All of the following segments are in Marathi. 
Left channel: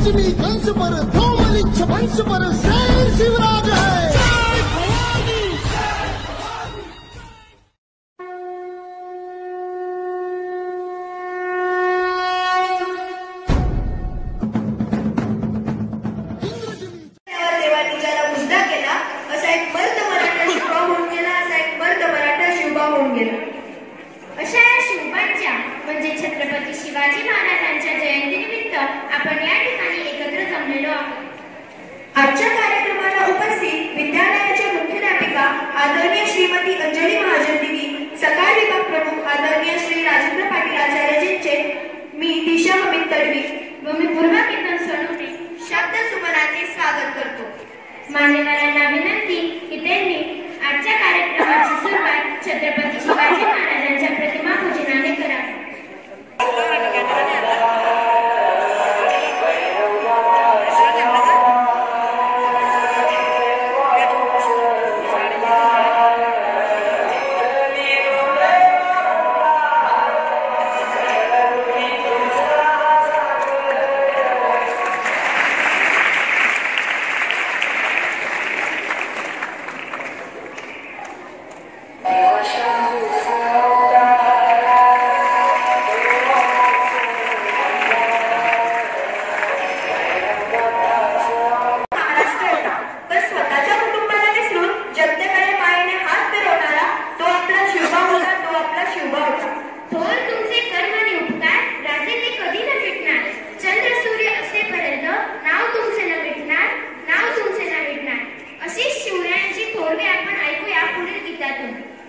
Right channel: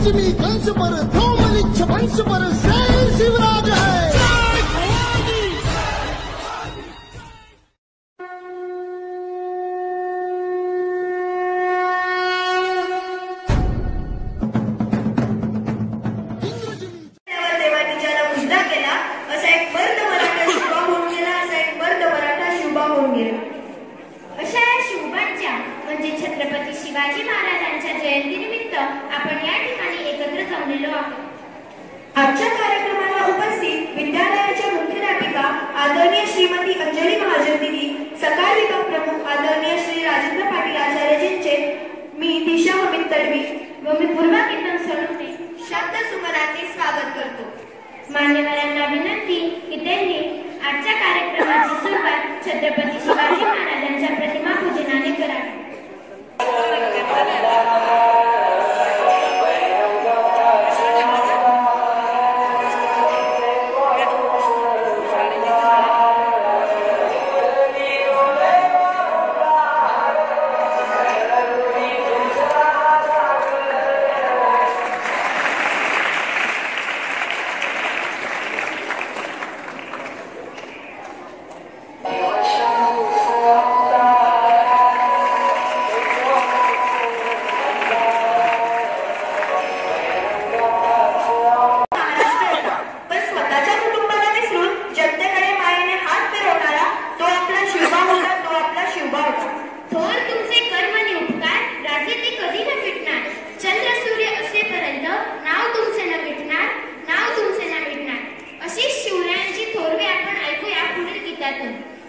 इंद्रजिमी कंस पर धूमलिच्छ वंश पर शेर शिवराज है। छत्रपती शिवाजी महाराजांच्या जयंतीनिमित्त आपण या ठिकाणी एकत्र जमलेलो आहोत। आजच्या कार्यक्रमाला उपस्थित विद्यालयाच्या मुख्याध्यापिका आदरणीय श्रीमती अंजली महाजन दिदी, सकाळ विभाग प्रमुख आदरणीय श्री राजेंद्र पाटील आचार्यजींचे मी दिशा अमित तडवी व मी पूर्वा किरण सोनवणे शब्द सुमनाने स्वागत करतो। मान्यवरांना विनंती की त्यांनी आजच्या कार्यक्रमाची सुरुवात छत्रपती शिवाजी महाराजांच्या प्रतिमा पूजनाने करावी।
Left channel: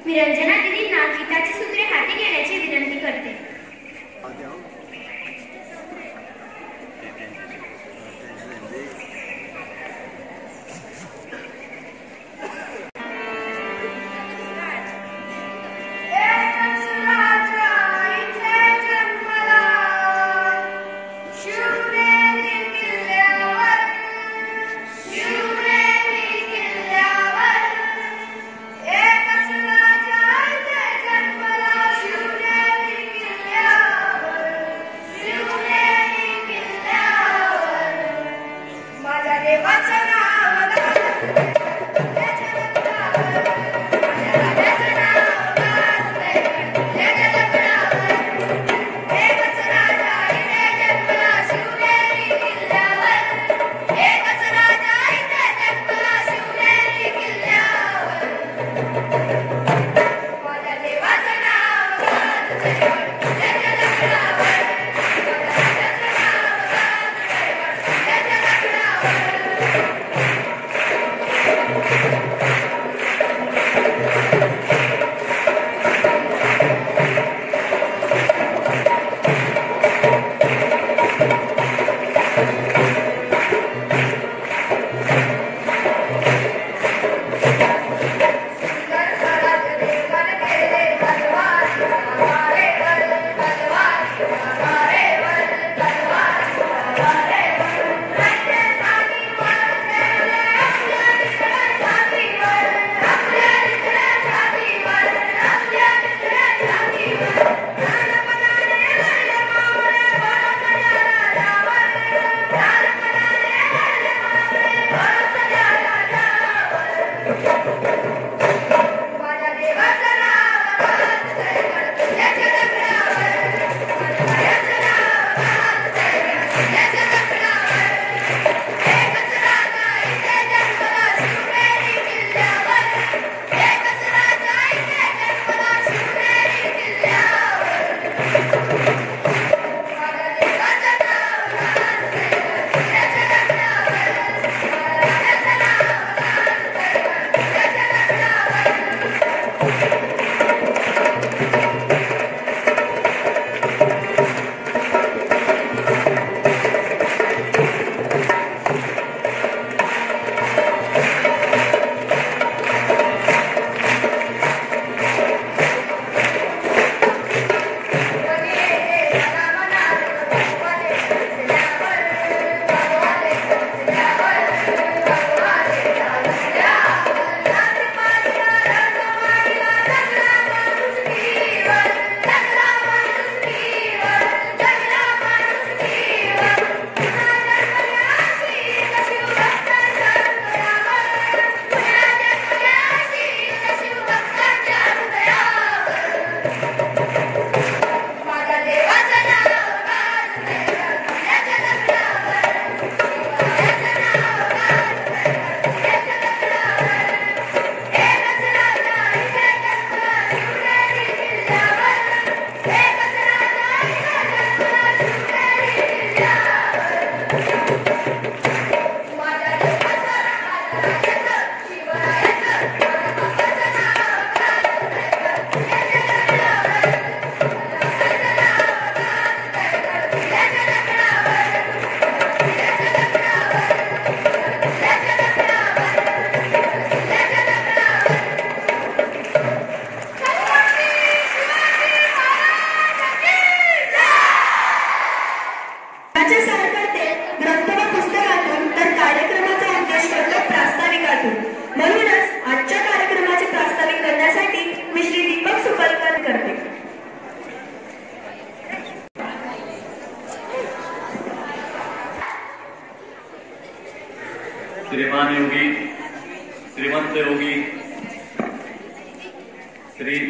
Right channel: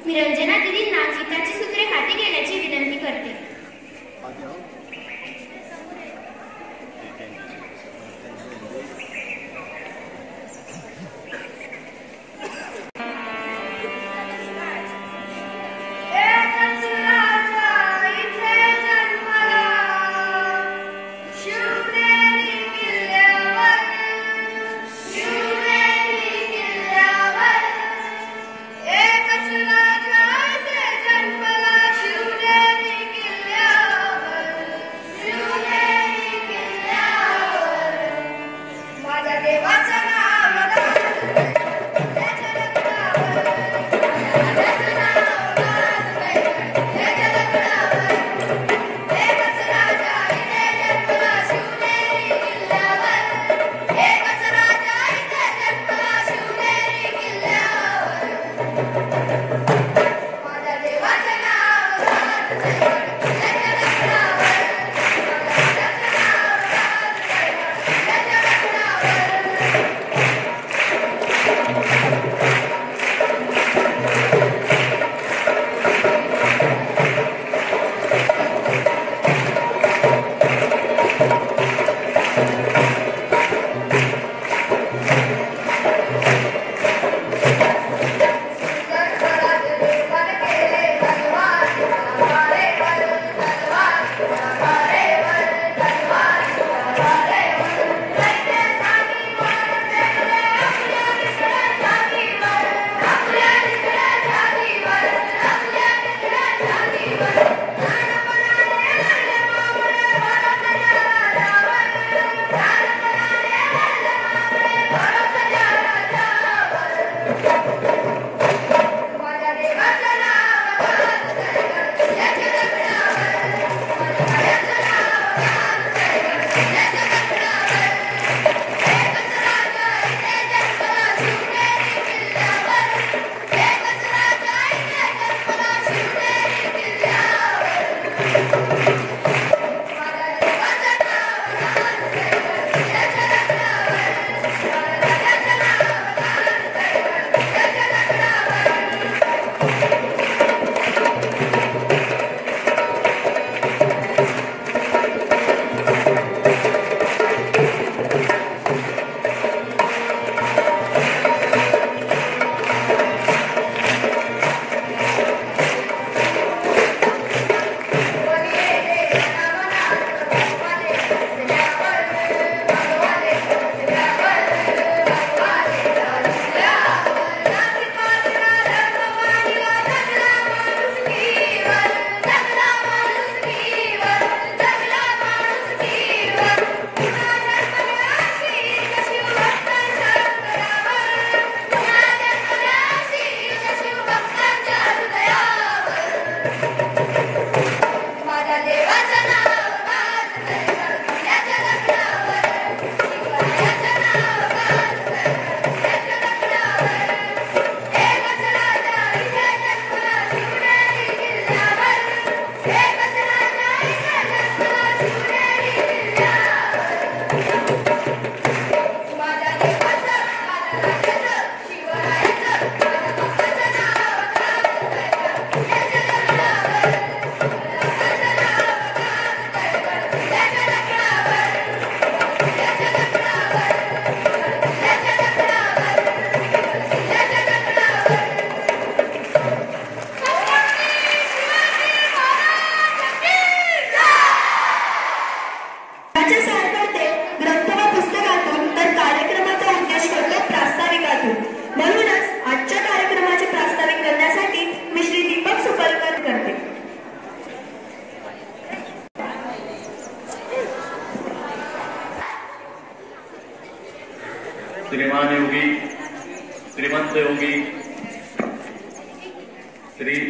मी रंजना दिदींना गीताची सूत्रे हाती घेण्याची विनंती करते।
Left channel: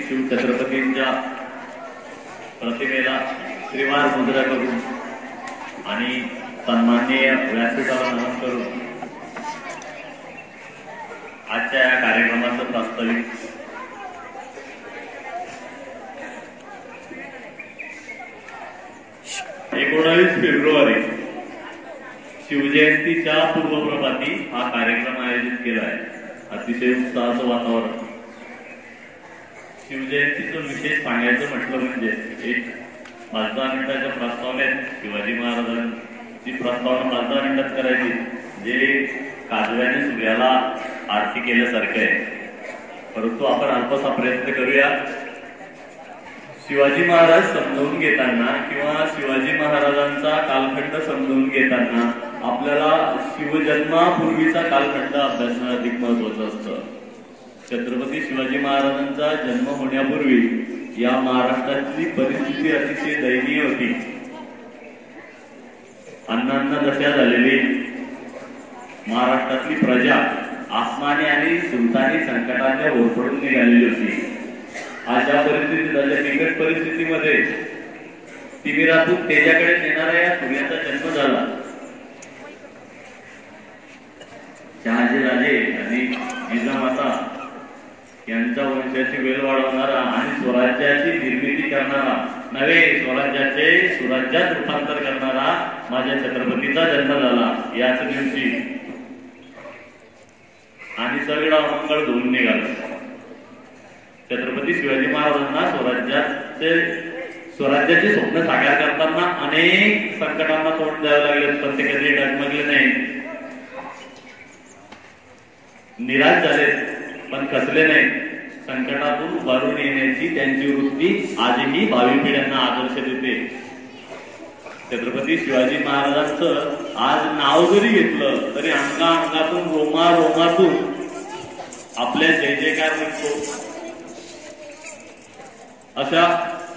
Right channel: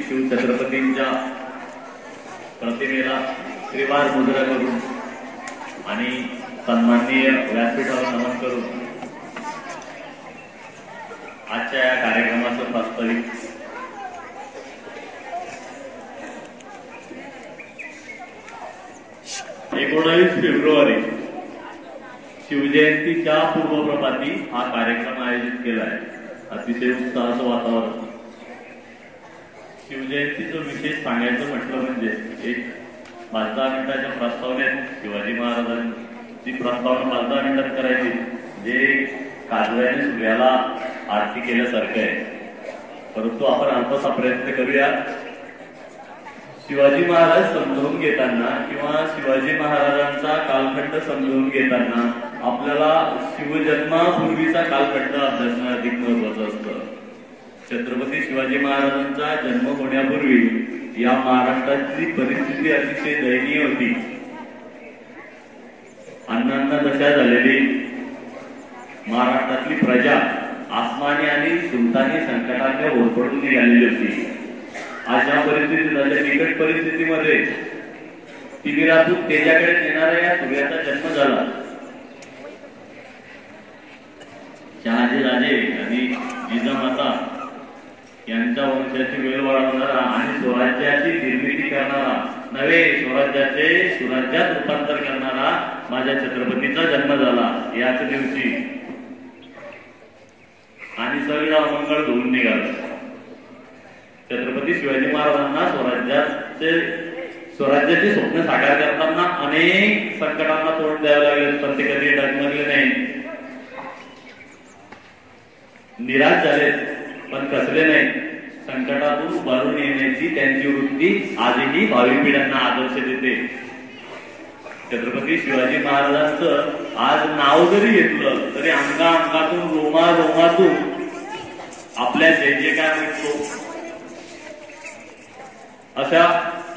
शिवछत्रपतींच्या प्रतिमेला श्रीवार मुद्रा करून आणि सन्माननीय व्यासपीठाला नमन करून आजच्या या कार्यक्रमाचं प्रास्ताविक फेब्रुवारी शिवजयंतीच्या पूर्वप्रभाती हा कार्यक्रम आयोजित केला आहे. अतिशय उत्साहाचं वातावरण. शिवजयंतीचं विशेष सांगायचं म्हटलं म्हणजे एक 15 मिनिटाच्या प्रस्तावनेत शिवाजी महाराजांची प्रस्तावना 15 मिनिटात करायची, जे काजव्याने सूर्याला आरती केल्यासारखं आहे. परंतु आपण अल्पसा प्रयत्न करूया. शिवाजी महाराज समजून घेताना किंवा शिवाजी महाराजांचा कालखंड समजून घेताना आपल्याला शिवजन्मापूर्वीचा कालखंड अभ्यासणं अधिक महत्वाचं असतं. छत्रपती शिवाजी महाराजांचा जन्म होण्यापूर्वी या महाराष्ट्रातली परिस्थिती अतिशय दयनीय होती. अन्नांना दशा झालेली महाराष्ट्रातली प्रजा आसमानी आणि सुलतानी संकटाच्या होरपडून निघालेली होती. अशा परिस्थितीत, अशा बिकट परिस्थितीमध्ये तिमिरातून तेजाकडे येणाऱ्या या सूर्याचा जन्म झाला. शहाजी राजे आणि जिजामाता यांच्या वंशाची वेळ वाढवणारा आणि स्वराज्याची निर्मिती करणारा, नवे स्वराज्याचे सुराज्यात रूपांतर करणारा माझ्या छत्रपतीचा जन्म झाला याच दिवशी. आणि सगळं अमंगळ धुवून निघालं. छत्रपती शिवाजी महाराजांना स्वराज्याचे स्वप्न साकार करताना अनेक संकटांना तोंड द्यावं लागले, पण ते कधी डगमगले नाही, निराश झाले, पण कसले नाही. संकटातून उभारून येण्याची त्यांची वृत्ती आजही भावी पिढ्यांना आदर्श देते. छत्रपती शिवाजी महाराजांचं आज नाव जरी घेतलं तरी अंगातून रोमातून आपल्या जय जयकार निघतो. अशा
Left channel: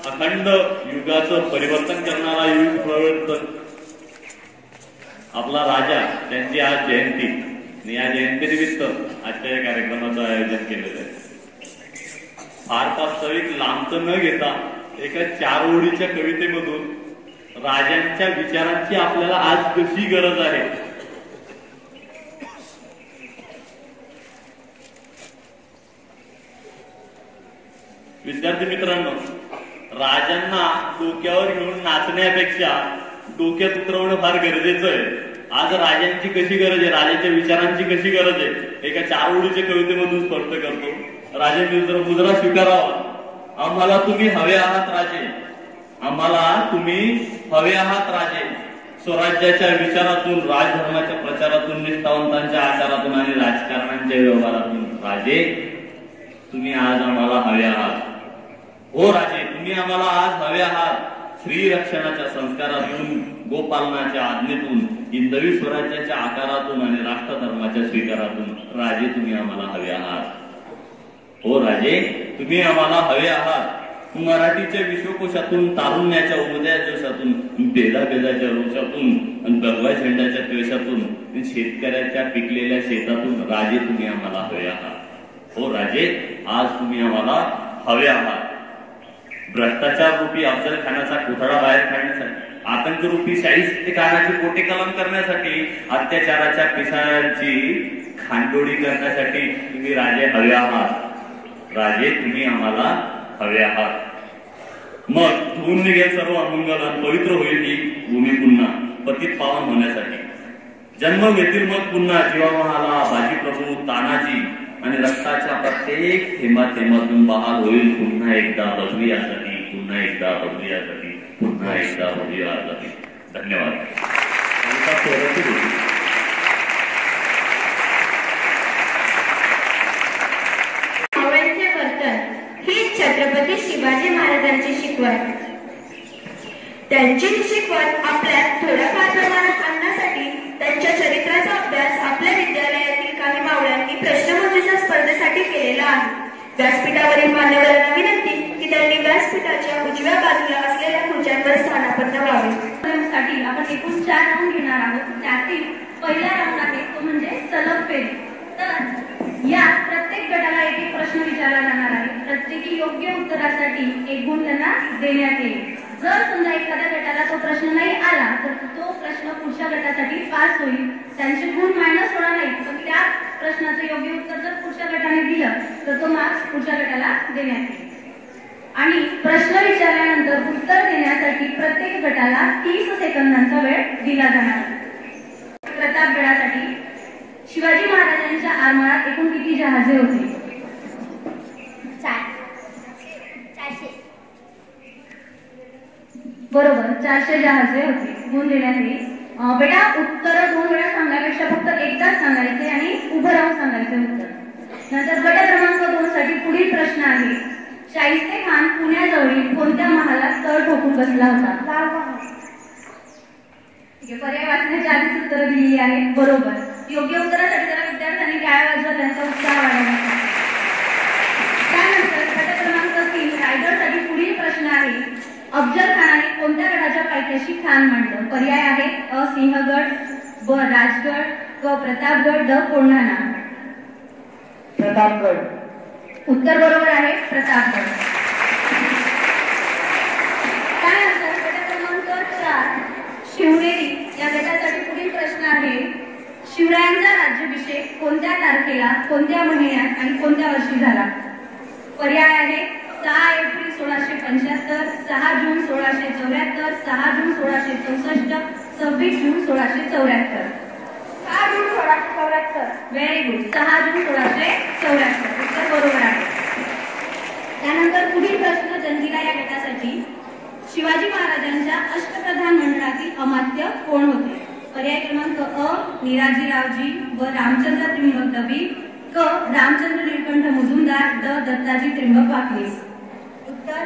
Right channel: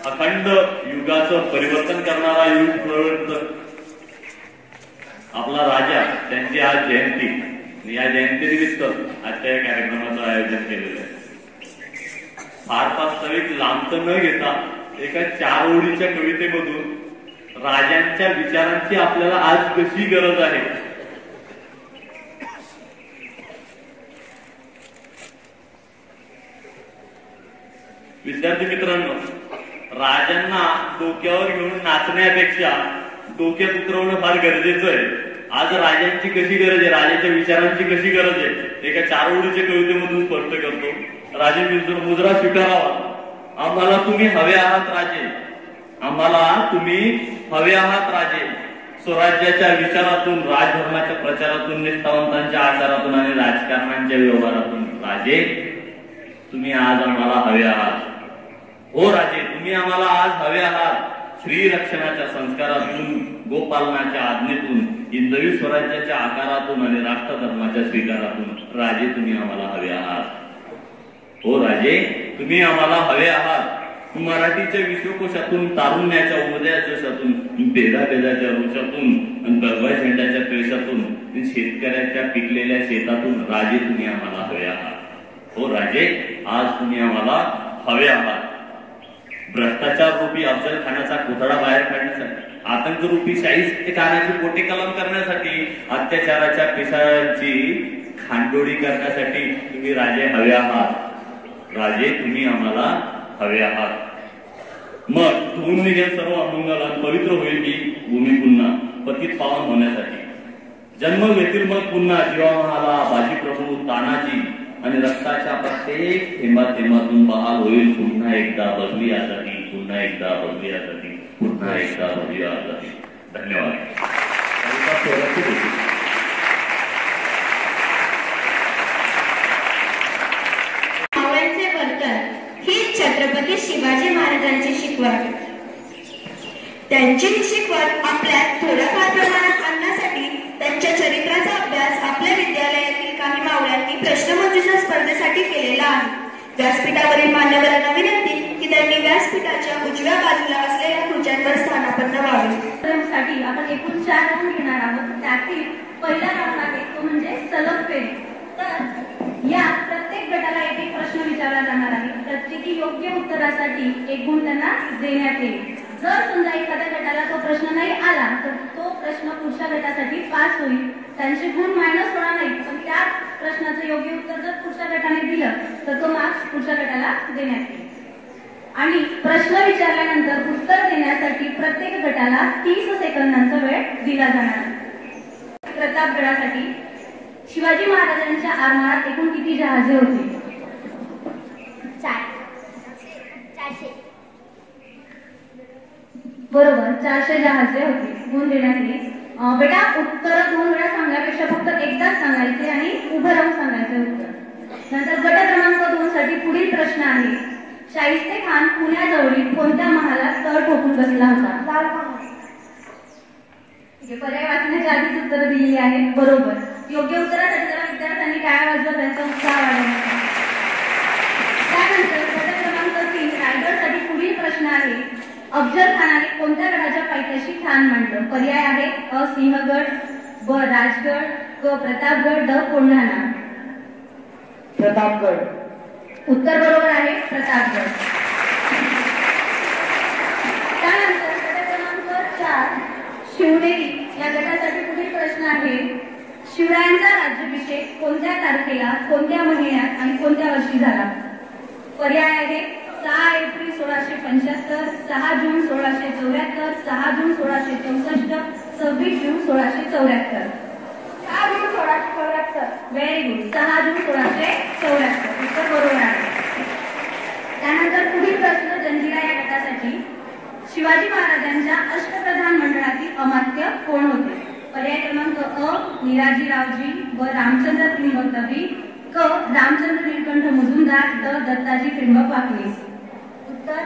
अखंड युगाचं परिवर्तन करणारा युग प्रवर्तक आपला राजा, त्यांची आज जयंती आणि या जयंतीनिमित्त आजच्या या कार्यक्रमाचं आयोजन केलेलं आहे. फार वास्तविक लांबत न घेता एका 4 ओळीच्या कवितेमधून राजांच्या विचारांची आपल्याला आज कशी गरज आहे. विद्यार्थी मित्रांनो, राजांना डोक्यावर घेऊन नाचण्यापेक्षा डोक्यात उतरवणं फार गरजेचं आहे. आज राजांची कशी गरज आहे, राजाच्या विचारांची कशी गरज आहे, एका 4 ओळीच्या कवितेमधून स्पष्ट करतो. राजे मुजरा स्वीकारावा. आम्हाला तुम्ही हवे आहात राजे, आम्हाला तुम्ही हवे आहात राजे. स्वराज्याच्या विचारातून, राजधर्माच्या प्रचारातून, निष्ठावंतांच्या आचारातून आणि राजकारणांच्या व्यवहारातून राजे तुम्ही आज आम्हाला हवे आहात. हो राजे, तुम्ही आम्हाला आज हवे आहात. स्त्री रक्षणाच्या संस्कारातून, गोपालनाच्या आज्ञेतून, हिंदवी स्वराज्याच्या आकारातून आणि राष्ट्रधर्माच्या स्वीकारातून राजे तुम्ही आम्हाला हवे आहात. हो राजे, तुम्ही आम्हाला हवे आहात. मराठीच्या विश्वकोशातून, तारुण्याच्या उदया जोशातून, बेदाच्या रोषातून आणि भगवा झेंड्याच्या क्लेशातून, शेतकऱ्याच्या पिकलेल्या शेतातून राजे तुम्ही आम्हाला हवे आहात. हो राजे, आज तुम्ही आम्हाला हवे आहात. भ्रष्टाचार रूपी अफजल खानाचा पुतळा बाहेर काढण्यासाठी, आतंक रूपी शाहिस्तेखानाची पोटे कलम करण्यासाठी, अत्याचाराच्या पिसाळ्यांची खांडोळी करण्यासाठी तुम्ही राजे हवे आहात. राजे तुम्ही आम्हाला हवे आहात. मग धुवून निघेल सर्व अमंगल, पवित्र होईल ही भूमी पुन्हा पतित पावन होण्यासाठी. जन्म घेतील मग पुन्हा जीवामहाला बाजी प्रभू तानाजी आणि रक्ताच्या प्रत्येक थेंबातून बहाल होईल पुन्हा एकदा बघूयासाठी, पुन्हा एकदा बघूयासाठी, पुन्हा एकदा बघूयासाठी. धन्यवाद. छत्रपती शिवाजी महाराजांची शिकवण. त्यांची शिकवण आपल्यात थोड्याफार प्रमाणात आणण्यासाठी त्यांच्या चरित्राचा अभ्यास आपल्या विद्यालयातील काही मावळ्यांनी प्रश्नमंजुषा स्पर्धेसाठी केलेला आहे. व्यासपीठावरील मान्यवरांना विनंती की त्यांनी व्यासपीठाच्या उजव्या बाजूला असलेल्या खुर्च्यांवर स्थानापन्न व्हावे. साठी आपण एकूण 4 रंग घेणार आहोत. त्यातील पहिला रंग आहे तो म्हणजे सलग फेरी. तर या प्रत्येक गटाला एक प्रश्न विचारला जाणार आहे. प्रत्येकी योग्य उत्तरासाठी 1 गुण त्यांना देण्यात येईल. जर समजा एखाद्या गटाला तो प्रश्न नाही आला तर तो प्रश्न पुढच्या गटासाठी पास होईल. त्यांचे गुण मायनस होणार नाही, पण त्या प्रश्नाचं योग्य उत्तर जर पुढच्या गटाने दिलं तर तो मार्क्स पुढच्या गटाला देण्यात येईल. आणि प्रश्न विचारल्यानंतर उत्तर देण्यासाठी प्रत्येक गटाला 30 सेकंदांचा वेळ दिला जाणार. प्रतापगडासाठी शिवाजी महाराजांच्या आरमारात एकूण किती जहाजे होते? 400. बरोबर, 400 जहाजे होते. गुण देण्यात येईल. बेटा उत्तर 2 वेळा सांगण्यापेक्षा फक्त एकदाच सांगायचे आणि उभं राहून सांगायचे उत्तर. नंतर गट क्रमांक 2 साठी पुढील प्रश्न आहे. शाहिस्ते खान पुण्याजवळील कोणत्या महालात तळ ठोकून बसला होता? पर्याय वाचण्याची आधीच उत्तर दिली आहेत. बरोबर. योग्य उत्तरासाठी जरा विद्यार्थ्यांनी टाळ्या वाजवत त्यांचा उत्साह वाढवला. त्यानंतर गट क्रमांक 3 रायगडसाठी पुढील प्रश्न आहे. अफजल खानाने कोणत्या गडाच्या पायथ्याशी ठाण मांडलं? पर्याय आहे अ सिंहगड, ब राजगड, क प्रतापगड, ड कोंढाणा. प्रतापगड. उत्तर बरोबर आहे, प्रतापगड. त्यानंतर गट क्रमांक 4 शिवनेरी या गटासाठी पुढील प्रश्न आहे. शिवरायांचा राज्याभिषेक कोणत्या तारखेला, कोणत्या महिन्यात आणि कोणत्या वर्षी झाला? पर्याय आहे 6 एप्रिल 1675, 6 जून 1674, 6 जून 1664, 26 जून 1674. 6 जून 1674. Very good. 6 जून 1674 उत्तर बरोबर आहे. त्यानंतर पुढील प्रश्न जंजिरा या गटासाठी. शिवाजी महाराजांच्या अष्टप्रधान मंडळातील अमात्य कोण होते? पर्याय क्रमांक अ निराजीरावजी, ब रामचंद्र त्रिंबक दबी, क रामचंद्र नीलकंठ मुजुमदार, ड दत्ताजी त्रिंबक वाकनीस. उत्तर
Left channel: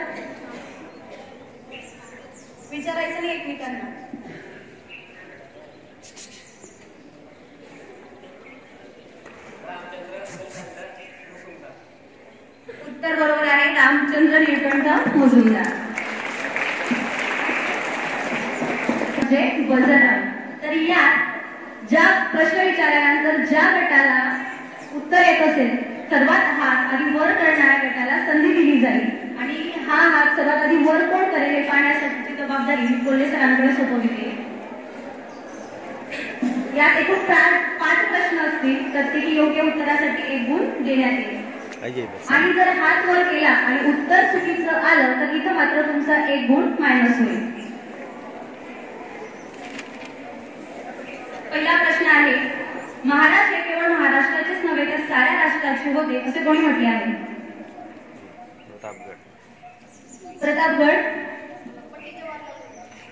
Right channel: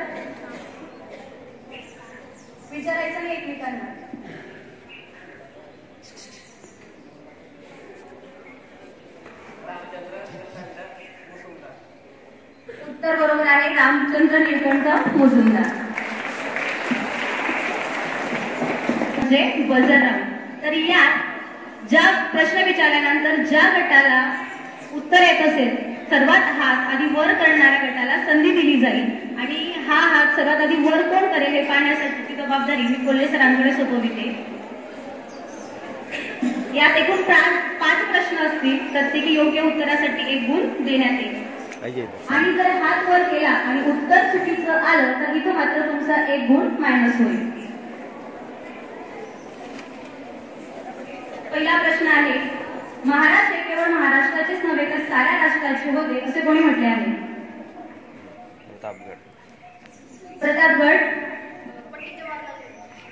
विचारायचं नाही एकमेकांना. उत्तर बरोबर आहे, रामचंद्र नीलकंठ मुजुमदार. म्हणजे बजरंग. तर यात ज्या प्रश्न विचारल्यानंतर ज्या गटाला उत्तर येत असेल सर्वात हात आधी वर करणाऱ्या गटाला संधी दिली जाईल. आणि हा हात सर्वात आधी वर कोण करेल हे पाहण्यासाठीची जबाबदारी मी कोल्हे सरांकडे सोपवली आहे. यात एकूण 5 प्रश्न असतील. प्रत्येकी योग्य उत्तरासाठी 1 गुण देण्यात येईल. आणि जर हात वर केला आणि उत्तर चुकीचं आलं तर इथं मात्र तुमचा 1 गुण मायनस होईल. पहिला प्रश्न आहे. महाराज हे केवळ महाराष्ट्राचेच नव्हे तर साऱ्या राष्ट्राचे होते असे कोणी म्हटले आहे? प्रतापगड.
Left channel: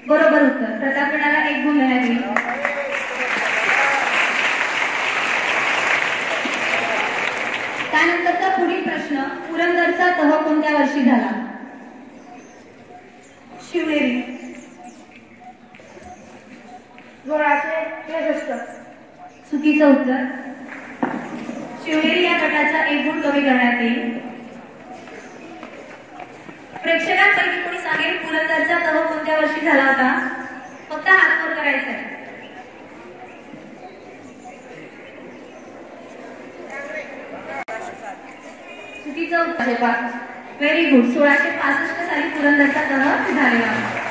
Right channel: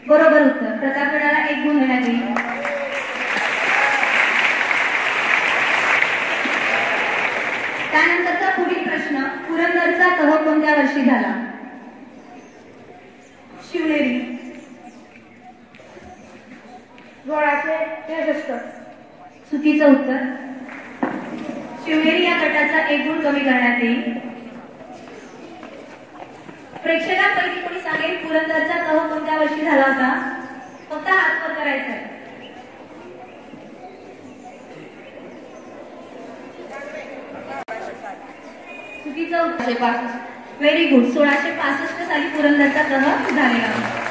बरोबर उत्तर. प्रतापगडाला 1 गुण मिळाले. त्यानंतरचा पुढील प्रश्न. पुरंदरचा तह कोणत्या वर्षी झाला? शिवनेरी. 1663. चुकीचं उत्तर. शिवनेरी या गटाचा 1 गुण कमी करण्यात येईल. प्रेक्षकांपैकी कोणी सांगेल पुरंदरचा तह कोणत्या वर्षी झाला होता? फक्त हात वर करायचा आहे. चुकीचं उत्तर. Very good. 1665 साली पुरंदरचा तह झालेला होता.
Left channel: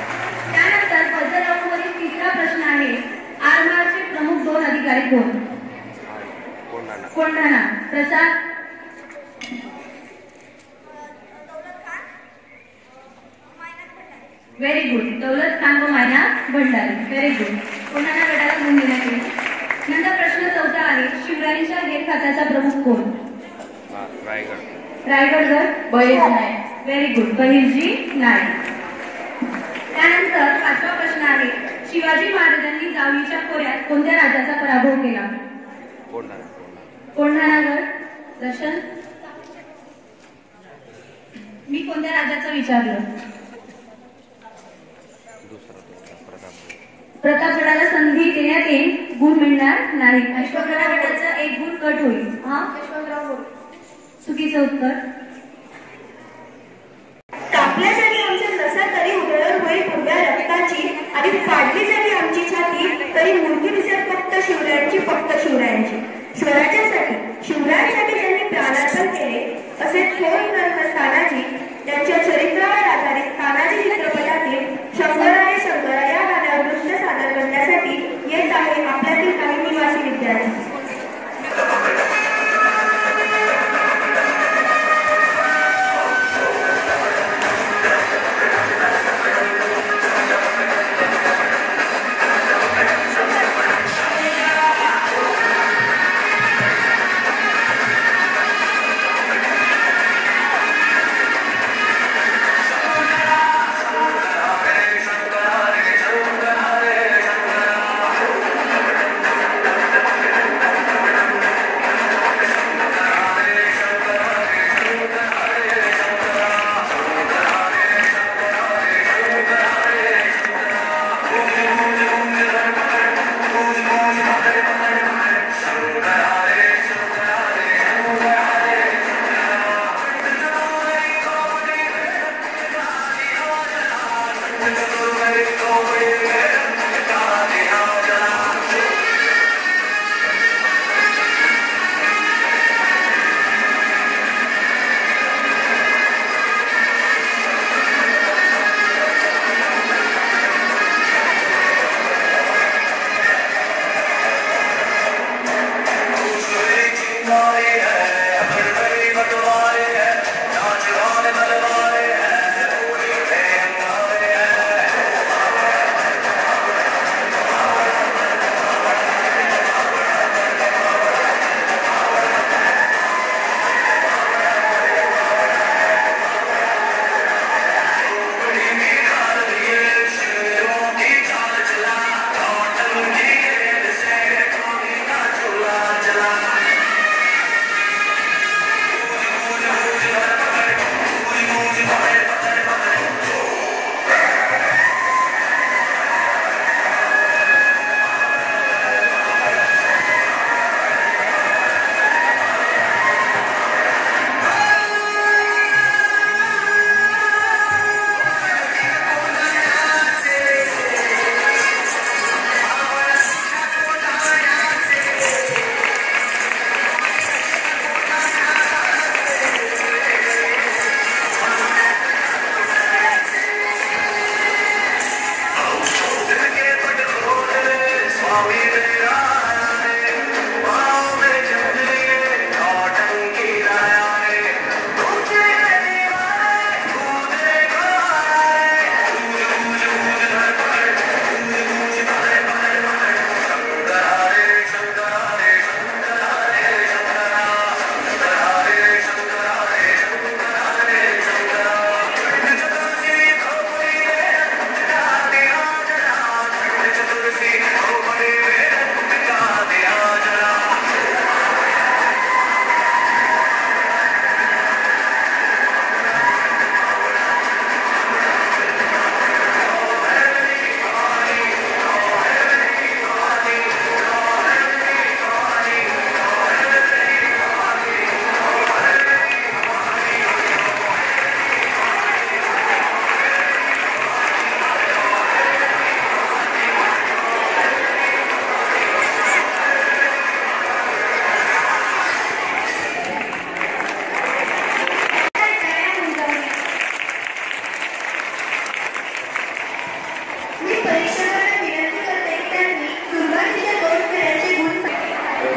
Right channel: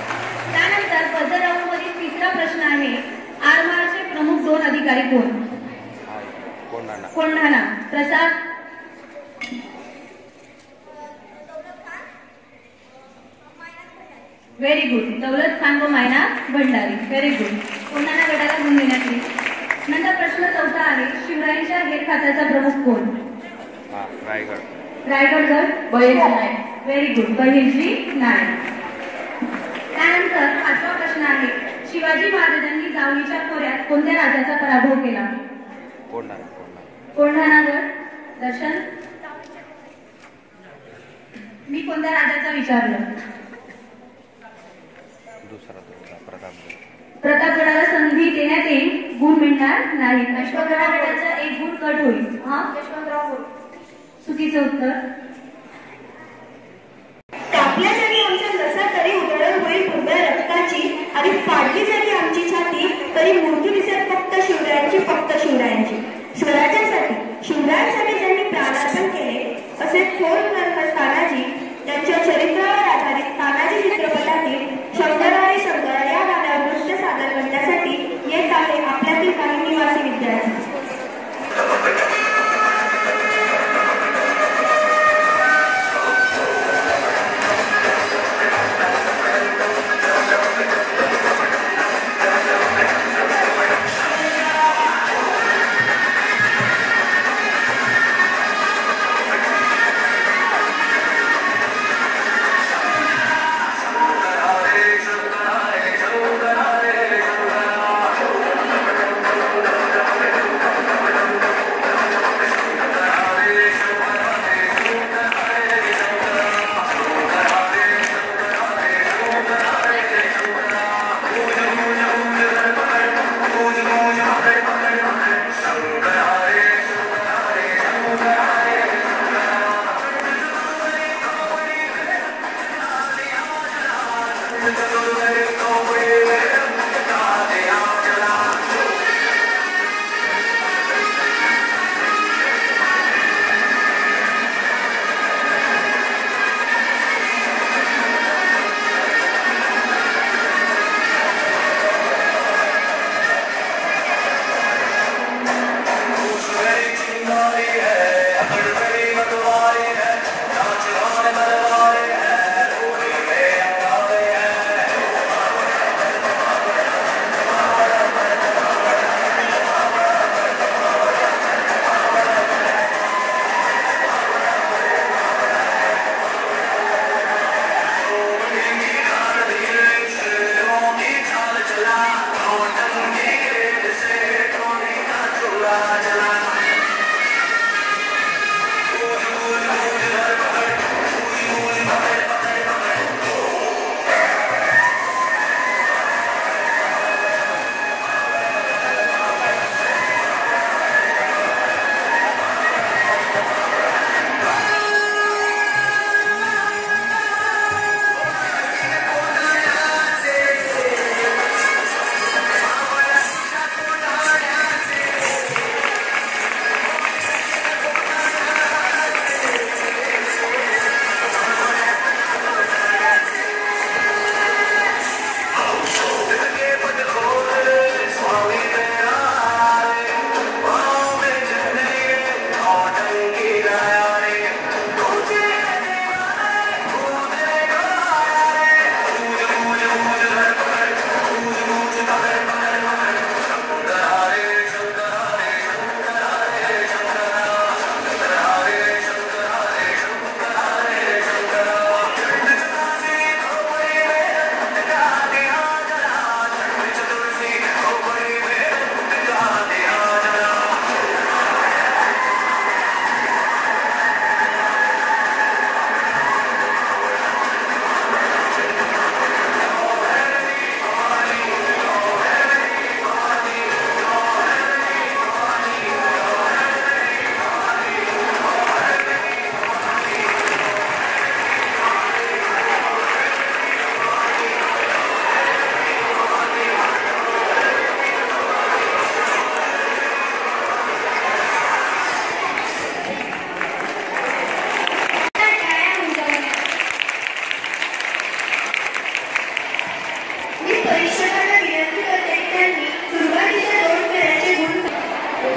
त्यानंतर पझल राऊंडमधील तिसरा प्रश्न आहे. आरमारचे प्रमुख 2 अधिकारी कोण? कोंढाणा. प्रसाद. Very good. दौलत खान व मायना भंडारी. Very good. कोंढाणा गटाला गुण देण्यात येईल. नंतर प्रश्न 4 आहे. शिवरायांच्या हेरखात्याचा प्रमुख कोण? रायगडगड. बहिर्जी नाईक. Very good. बहिर्जी नाईक. त्यानंतर 5वा प्रश्न आहे. शिवाजी महाराजांनी जावळीच्या खोऱ्यात कोणत्या राजाचा पराभव केला? कोंढाणागड. दर्शन. मी कोणत्या राजाचा विचारलं? प्रतापगडाला संधी देण्यात येईल. गुण मिळणार नाही. अश्वगडा गटाचा 1 गुण कट होईल. चुकीचं उत्तर. कापल्या जागी आमच्या नसा तरी उधळण होईल पुण्या रक्ताची आणि पाडली जागी आमची छाती तरी मूर्ती दिसत फक्त शिवरायांची, फक्त शिवरायांची. स्वराज्यासाठी शिवरायांसाठी ज्यांनी प्राणार्पण केले असे थोर तानाजी ज्यांच्या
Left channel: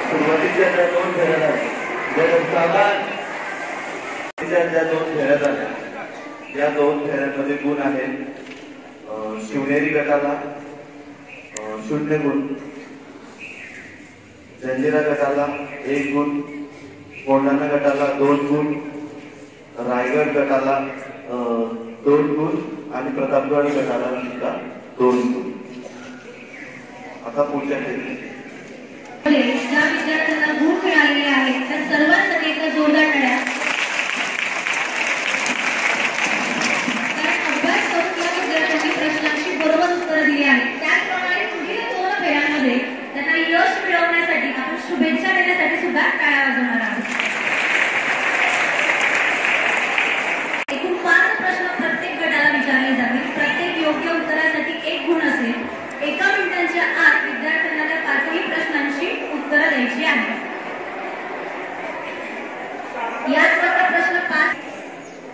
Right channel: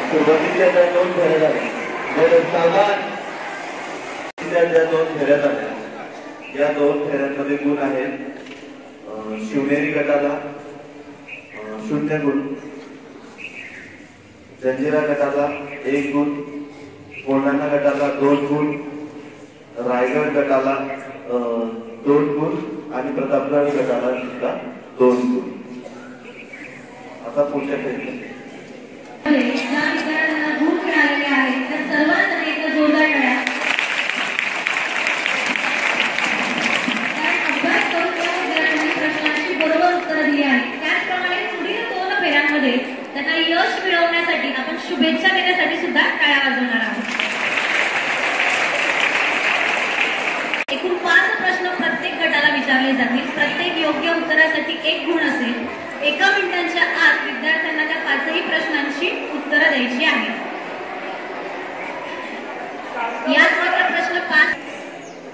सुरुवातीच्या दोन फेऱ्या दोन फेऱ्या या दोन फेऱ्यांमध्ये गुण आहेत. शिवनेरी गटाला 0 गुण, जंजिरा गटाला 1 गुण, कोंढाणा गटाला 2 गुण, रायगड गटाला 2 गुण आणि प्रतापगड गटाला सुद्धा 2 गुण. आता पुढच्या फेरी ज्या विद्यार्थ्यांना गुण मिळालेले आहेत त्या सर्वांसाठी एक जोरदार टाळ्या. अभ्यास करून त्या विद्यार्थ्यांनी प्रश्नांची बरोबर उत्तरं दिली आहेत. त्याचप्रमाणे पुढील 2 फेऱ्यांमध्ये त्यांना यश मिळवण्यासाठी आपण शुभेच्छा देण्यासाठी सुद्धा टाळ्या वाजवणार आहोत. एकूण 5 प्रश्न प्रत्येक गटाला विचारले जातील. प्रत्येक योग्य उत्तरासाठी 1 गुण असेल. एका मिनिटांच्या आत विद्यार्थ्यांना त्या 5ही प्रश्नांची उत्तरं द्यायची आहेत. यात प्रश्न 5.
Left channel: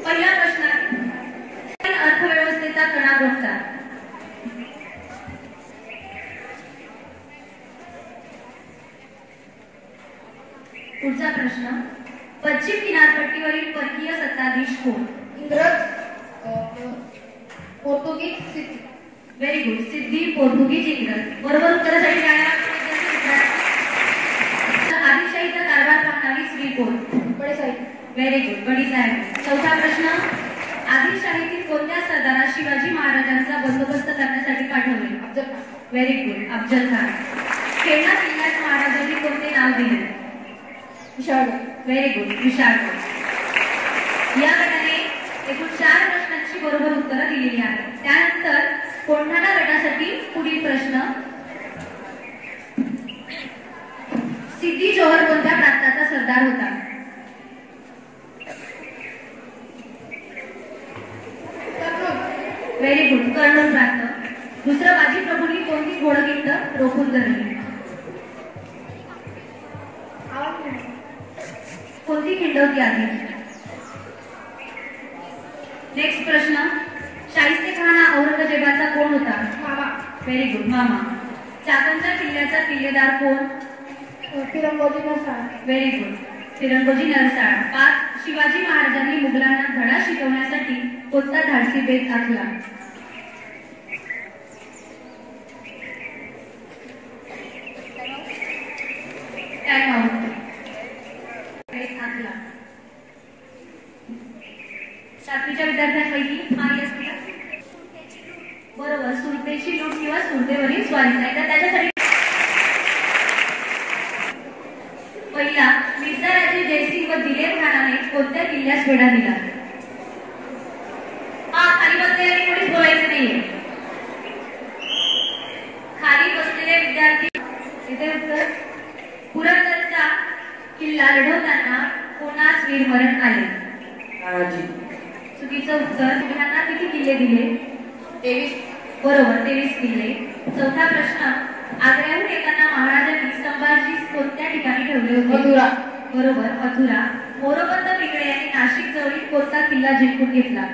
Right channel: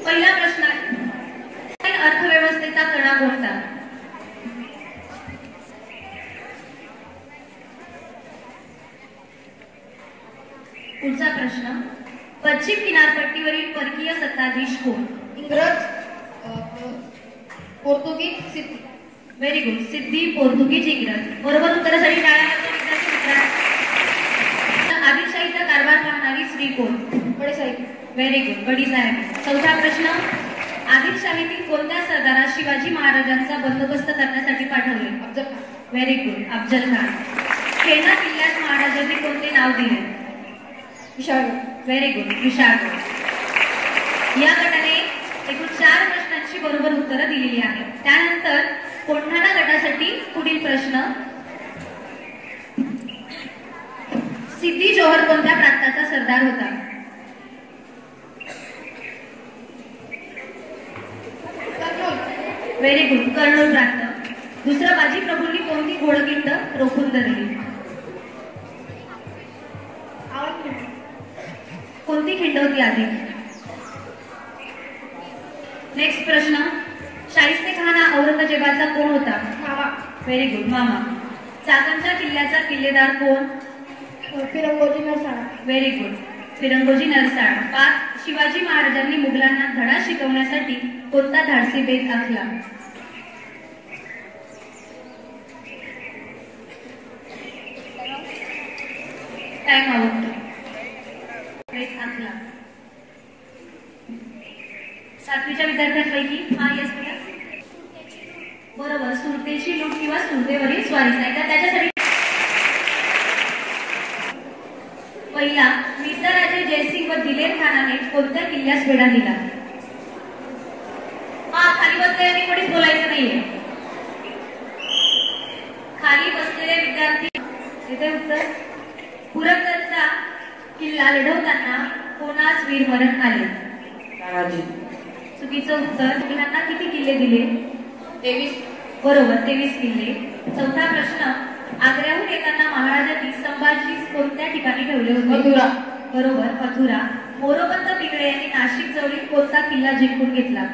पहिला प्रश्न, अर्थव्यवस्थेचा कणा कोणता? पुढचा प्रश्न, पश्चिम किनारपट्टीवरील परकीय सत्ताधीश कोण? इंग्रज, पोर्तुगीज, सिद्धी. Very good. सिद्धी, पोर्तुगीज, इंग्रज. बरोबर उत्तरासाठी टाळ्या. आदिलशाहीचा कारभार पाहणारी स्त्री कोण? बडीसाहेब. Very good, Badisaheb. चौथा प्रश्न, आदिलशाहीतील कोणत्या सरदारास शिवाजी महाराजांचा बंदोबस्त करण्यासाठी पाठवले? Very good, Afzal Khan. खेळणा किल्ल्यास महाराजांनी कोणते नाव दिले? विशाळगड. Very good, Vishalgad. या गटाने एकूण 4 प्रश्नांची बरोबर उत्तरं दिलेली आहेत. त्यानंतर कोंढाणा गटासाठी पुढील प्रश्न, सिद्धी जोहर कोणत्या प्रांताचा सरदार होता? व्हेरी गुड, कर्नूल प्रांत. दुसरं बाजी प्रभूंनी कोणती घोडखिंड रोखून धरली? कोणती खिंड होती आधी? नेक्स्ट प्रश्न, शाहिस्तेखान हा औरंगजेबाचा कोण होता? मामा. व्हेरी गुड, मामा. चाकणच्या किल्ल्याचा किल्लेदार कोण? फिरंगोजी नरसाळ. Very good, Firangoji Narsal. 5. शिवाजी महाराजांनी मुघलांना धडा शिकवण्यासाठी कोणता धाडसी बेत आखला? Time out. बेत आखला. 7वीच्या विद्यार्थ्यांपैकी यस बरोबर, सुरतेची लूट किंवा सुरतेवरील स्वारी. त्याच्यासाठी पहिला, मिर्झा राजे जयसिंग व दिलेर खानाने कोणत्या किल्ल्यास वेढा दिला? खाली बसलेल्या कोणीच बोलायचं नाहीये. खाली बसलेले विद्यार्थी. इथे उत्तर, पुरंदरचा किल्ला लढवताना कोणास वीरमरण आले? चुकीचं उत्तर. त्यांना किती किल्ले दिले? 23. बरोबर, 23 किल्ले. 4था प्रश्न, आग्र्याहून येताना महाराजांनी संभाजी कोणत्या ठिकाणी ठेवले होते? मथुरा. बरोबर, मथुरा. मोरोपंत पिंगळे यांनी नाशिक जवळील कोणता किल्ला जिंकून घेतला?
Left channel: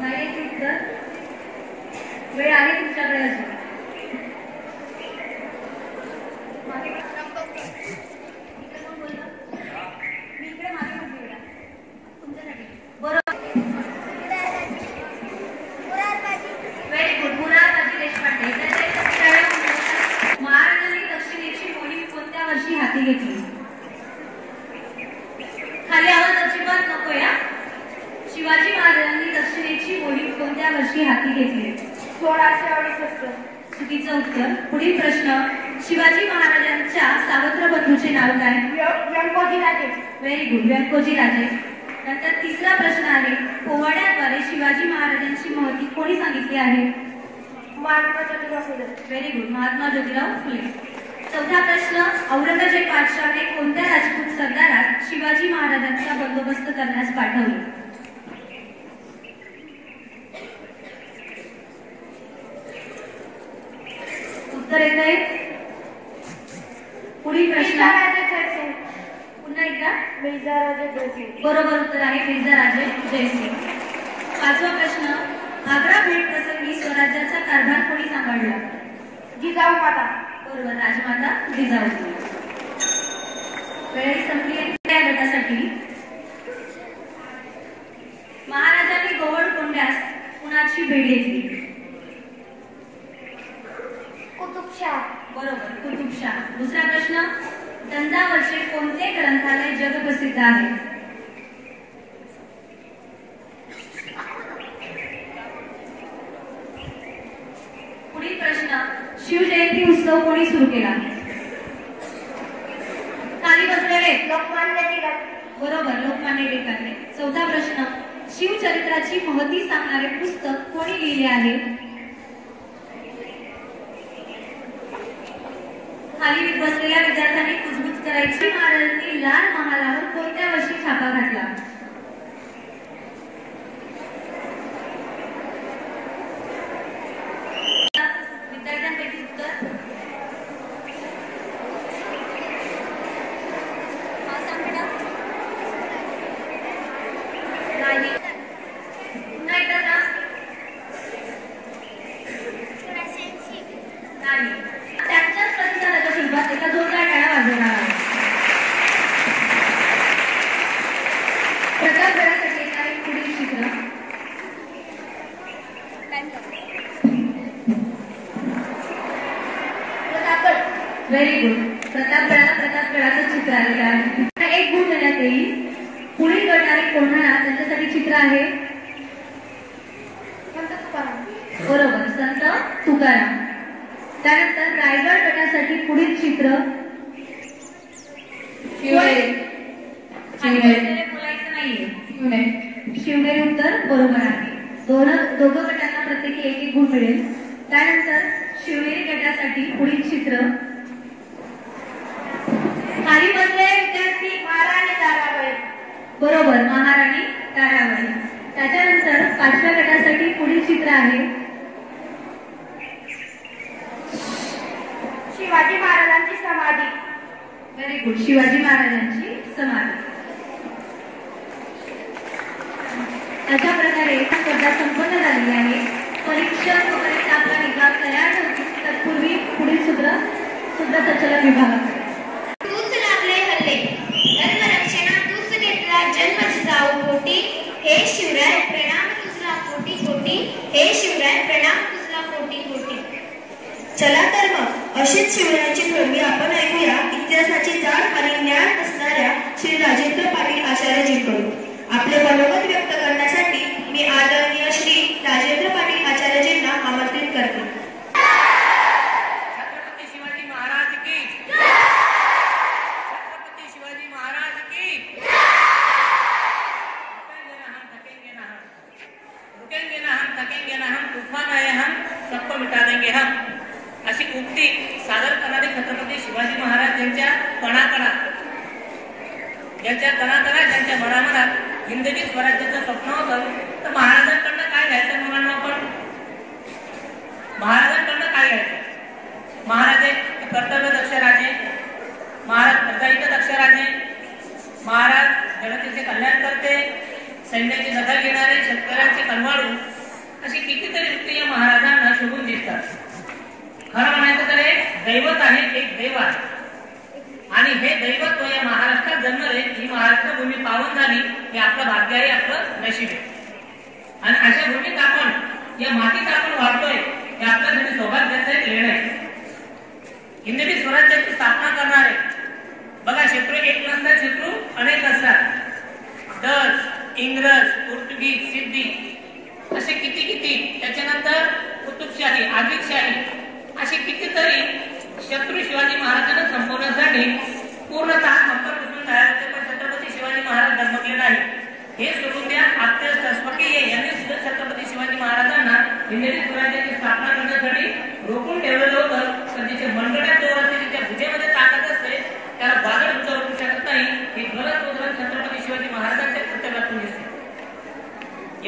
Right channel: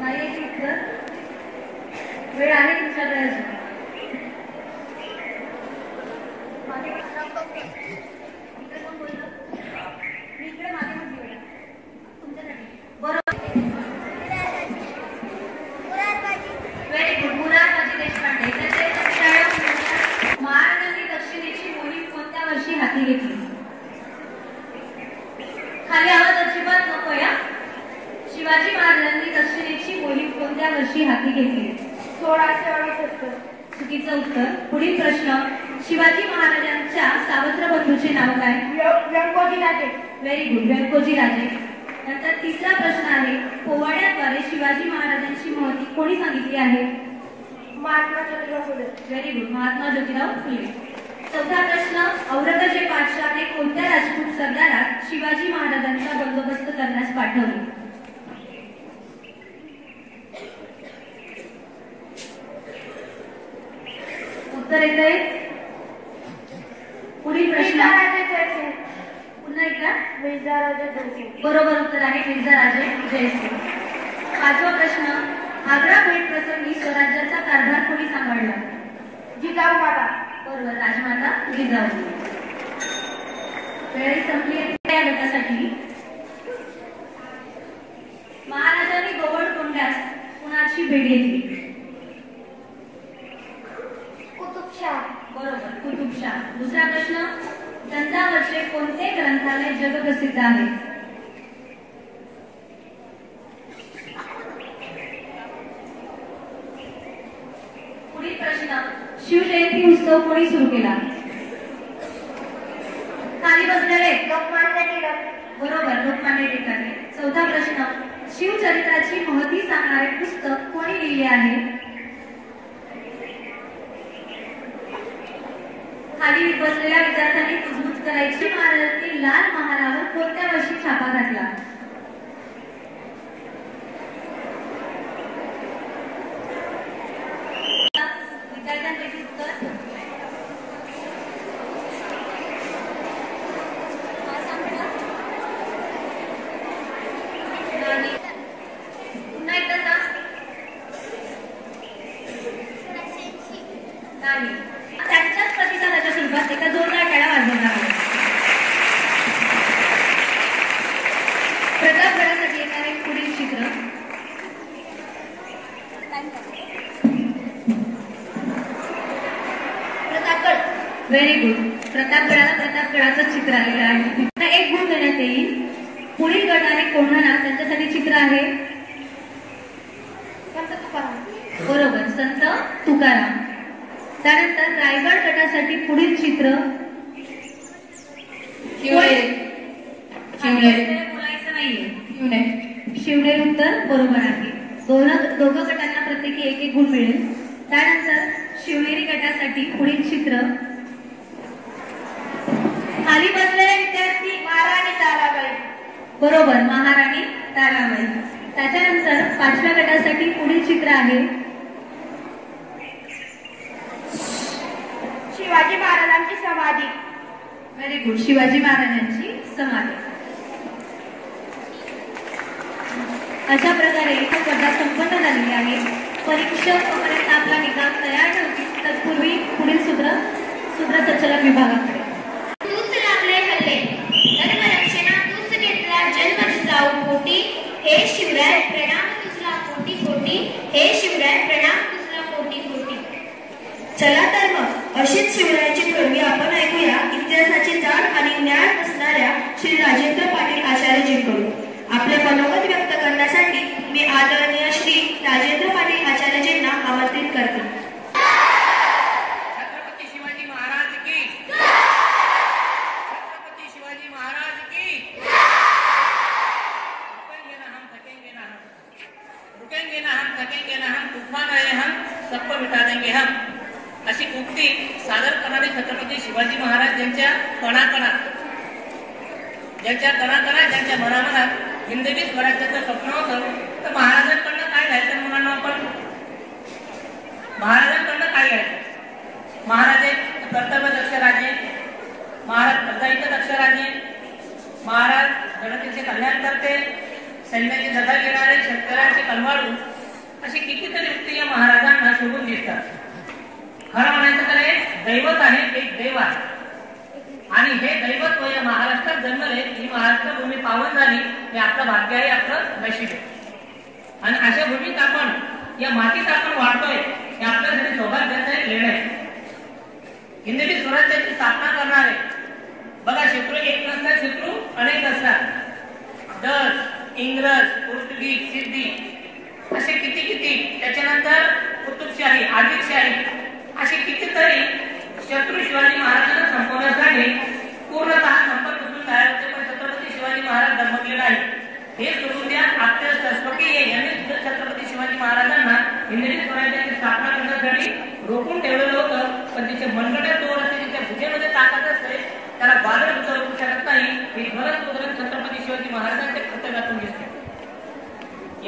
नाही उत्तर. वेळ आहे तुमच्याकडे अजून. महाराजांनी दक्षिणेची मोहीम कोणत्या वर्षी हाती घेतली? खाली आवाज अजिबात नको या. शिवाजी महाराजांनी दक्षिणेची मोहीम कोणत्या वर्षी हाती घेतली? 1668. चुकीचं उत्तर. पुढील प्रश्न, शिवाजी महाराजांच्या सावत्र बंधूचे नाव काय? व्यंकोजी राजे. व्हेरी गुड, व्यंकोजी राजे. नंतर तिसरा प्रश्न आहे, पोवाड्याद्वारे शिवाजी महाराजांची महती कोणी सांगितली आहे? महात्मा ज्योतिराव फुले. Very good, Mahatma Jyotirao Phule. 4था प्रश्न, औरंगजेब बादशाहने कोणत्या राजपूत सरदारास शिवाजी महाराजांचा बंदोबस्त करण्यास पाठवले? उत्तर येत आहे. पुढील प्रश्न, पुन्हा एकदा. मिर्झा राजे जयसिंग. बरोबर उत्तर आहे, मिर्झा राजे जयसिंग. 5वा प्रश्न, आग्रा भेट प्रसंगी स्वराज्याचा कारभार कोणी सांभाळला? जिजाऊ माता. बरोबर, राजमाता जिजाऊ. वेळ संपली या गटासाठी. महाराजांनी गोवळकोंड्यास कुणाची भेट घेतली? कुतुबशाह. बरोबर, कुतुबशाह. दुसरा प्रश्न, तंजावरचे कोणते ग्रंथालय जगप्रसिद्ध आहे? पुढील प्रश्न, शिवजयंती उत्सव कोणी सुरू केला? खाली बसलेले. लोकमान्य टिळक. बरोबर, लोकमान्य टिळकांनी. 4था प्रश्न, शिवचरित्राची महती सांगणारे पुस्तक कोणी लिहिले आहे? खाली बसलेल्या विद्यार्थ्यांनी कुजबूज करायची. महाराजांनी लाल महालावर कोणत्या वर्षी छापा घातला? विद्यार्थ्यांपैकी उत्तर. नाही. पुन्हा एकदा सांग. नाही. त्यांच्याच प्रतिसादाच्या स्वरूपात एका जोरदार टाळ्या वाजवणार आहे. प्रतापगडासाठी येणारे पुढील चित्र. प्रतापगड. Very good. प्रतापगडाचं चित्र आलेलं आहे. 1 गुण देण्यात येईल. पुढील गट आहे कोंढाणा, त्यांच्यासाठी चित्र आहे. संत तुकाराम. बरोबर, संत तुकाराम. त्यानंतर रायगड गटासाठी पुढील चित्र. बोलायचं नाहीये. शिवने उत्तर बरोबर आहे. दोघं गटांना प्रत्येकी 1-1 गुण मिळेल. त्यानंतर शिवनेरी गटासाठी पुढील चित्र. खाली बसलेल्या विद्यार्थी व्हेरी गुड. शिवाजी महाराजांची समाधी. अशा प्रकारे स्पर्धा संपन्न झालेली आहे. परीक्षा तोपर्यंत आपला निकाल तयार होती. तत्पूर्वी पुढील सूत्र चर्चेला विभागाकडे. तूच लागले हल्ले धर्मरक्षणा तूच घेतला जन्म जिजाऊ पोटी. हे शिवराय प्रणाम तुझला कोटी कोटी. हे शिवराय प्रणाम तुझला कोटी कोटी. चला तर मग अशीच शिवरायांची थोडी आपण ऐकूया इतिहासाचे जाण आणि ज्ञान असणाऱ्या श्री राजेंद्र पाटील आचार्यजींकडून. आपले मनोगत व्यक्त करण्यासाठी मी आदरणीय श्री राजेंद्र पाटील आचार्यजींना आमंत्रित करते. छत्रपती शिवाजी महाराज की. छत्रपती शिवाजी महाराज की. रुकेंगे ना हम थकेंगे ना हम तूफान आए हम सबको मिटा देंगे हम. अशी उक्ती सादर करणारे छत्रपती शिवाजी महाराज यांच्या कणाकणात ज्यांच्या मनामनात हिंदवी स्वराज्याचं स्वप्न होतं. तर महाराजांकडनं काय घ्यायचं मुलांना आपण? महाराजांकडनं काय घ्यायचं? महाराज एक कर्तव्यदक्ष राजे, महाराज प्रजाहित दक्ष राजे, महाराज जनतेचे कल्याण करते, सैन्याची दखल घेणारे, शेतकऱ्यांचे कणवाळू, अशी कितीतरी व्यक्ती या महाराजांना शोभून दिसतात. खरं म्हणायचं तर एक दैवत आहे, एक देव आहे. आणि हे दैवत्व या महाराष्ट्रात जन्मले, ही महाराष्ट्र भूमी पावन झाली, हे आपलं भाग्य आहे, आपलं नशीब आहे. आणि अशा भूमीत आपण, या मातीत आपण वाढतोय, हे आपल्यासाठी सौभाग्याचं एक लेण आहे. हिंदवी स्वराज्याची स्थापना करणारे बघा, शत्रू एक नसतात, शत्रू अनेक असतात. डच, इंग्रज, पोर्तुगीज, सिद्धी, असे किती त्याच्यानंतर कुतुबशाही, आदिलशाही, असे कितीतरी शत्रू शिवाजी महाराजांना संपवण्यासाठी पूर्णतः संपर्क तयार होते. पण छत्रपती शिवाजी महाराज धर्मगीर नाही. हे सोडून द्या, आत्य स्वकीय यांनी सुद्धा छत्रपती शिवाजी महाराजांना हिंदवी स्वराज्याची स्थापना करण्यासाठी रोखून ठेवलेलं होतं. पण तिचे मनगड्यात जोर असते, तिच्या भुजेमध्ये ताकद असते, त्याला वादळ उचलू शकत नाही. हे ज्वलंत उदाहरण छत्रपती शिवाजी महाराजांच्या कर्तव्यातून दिसते.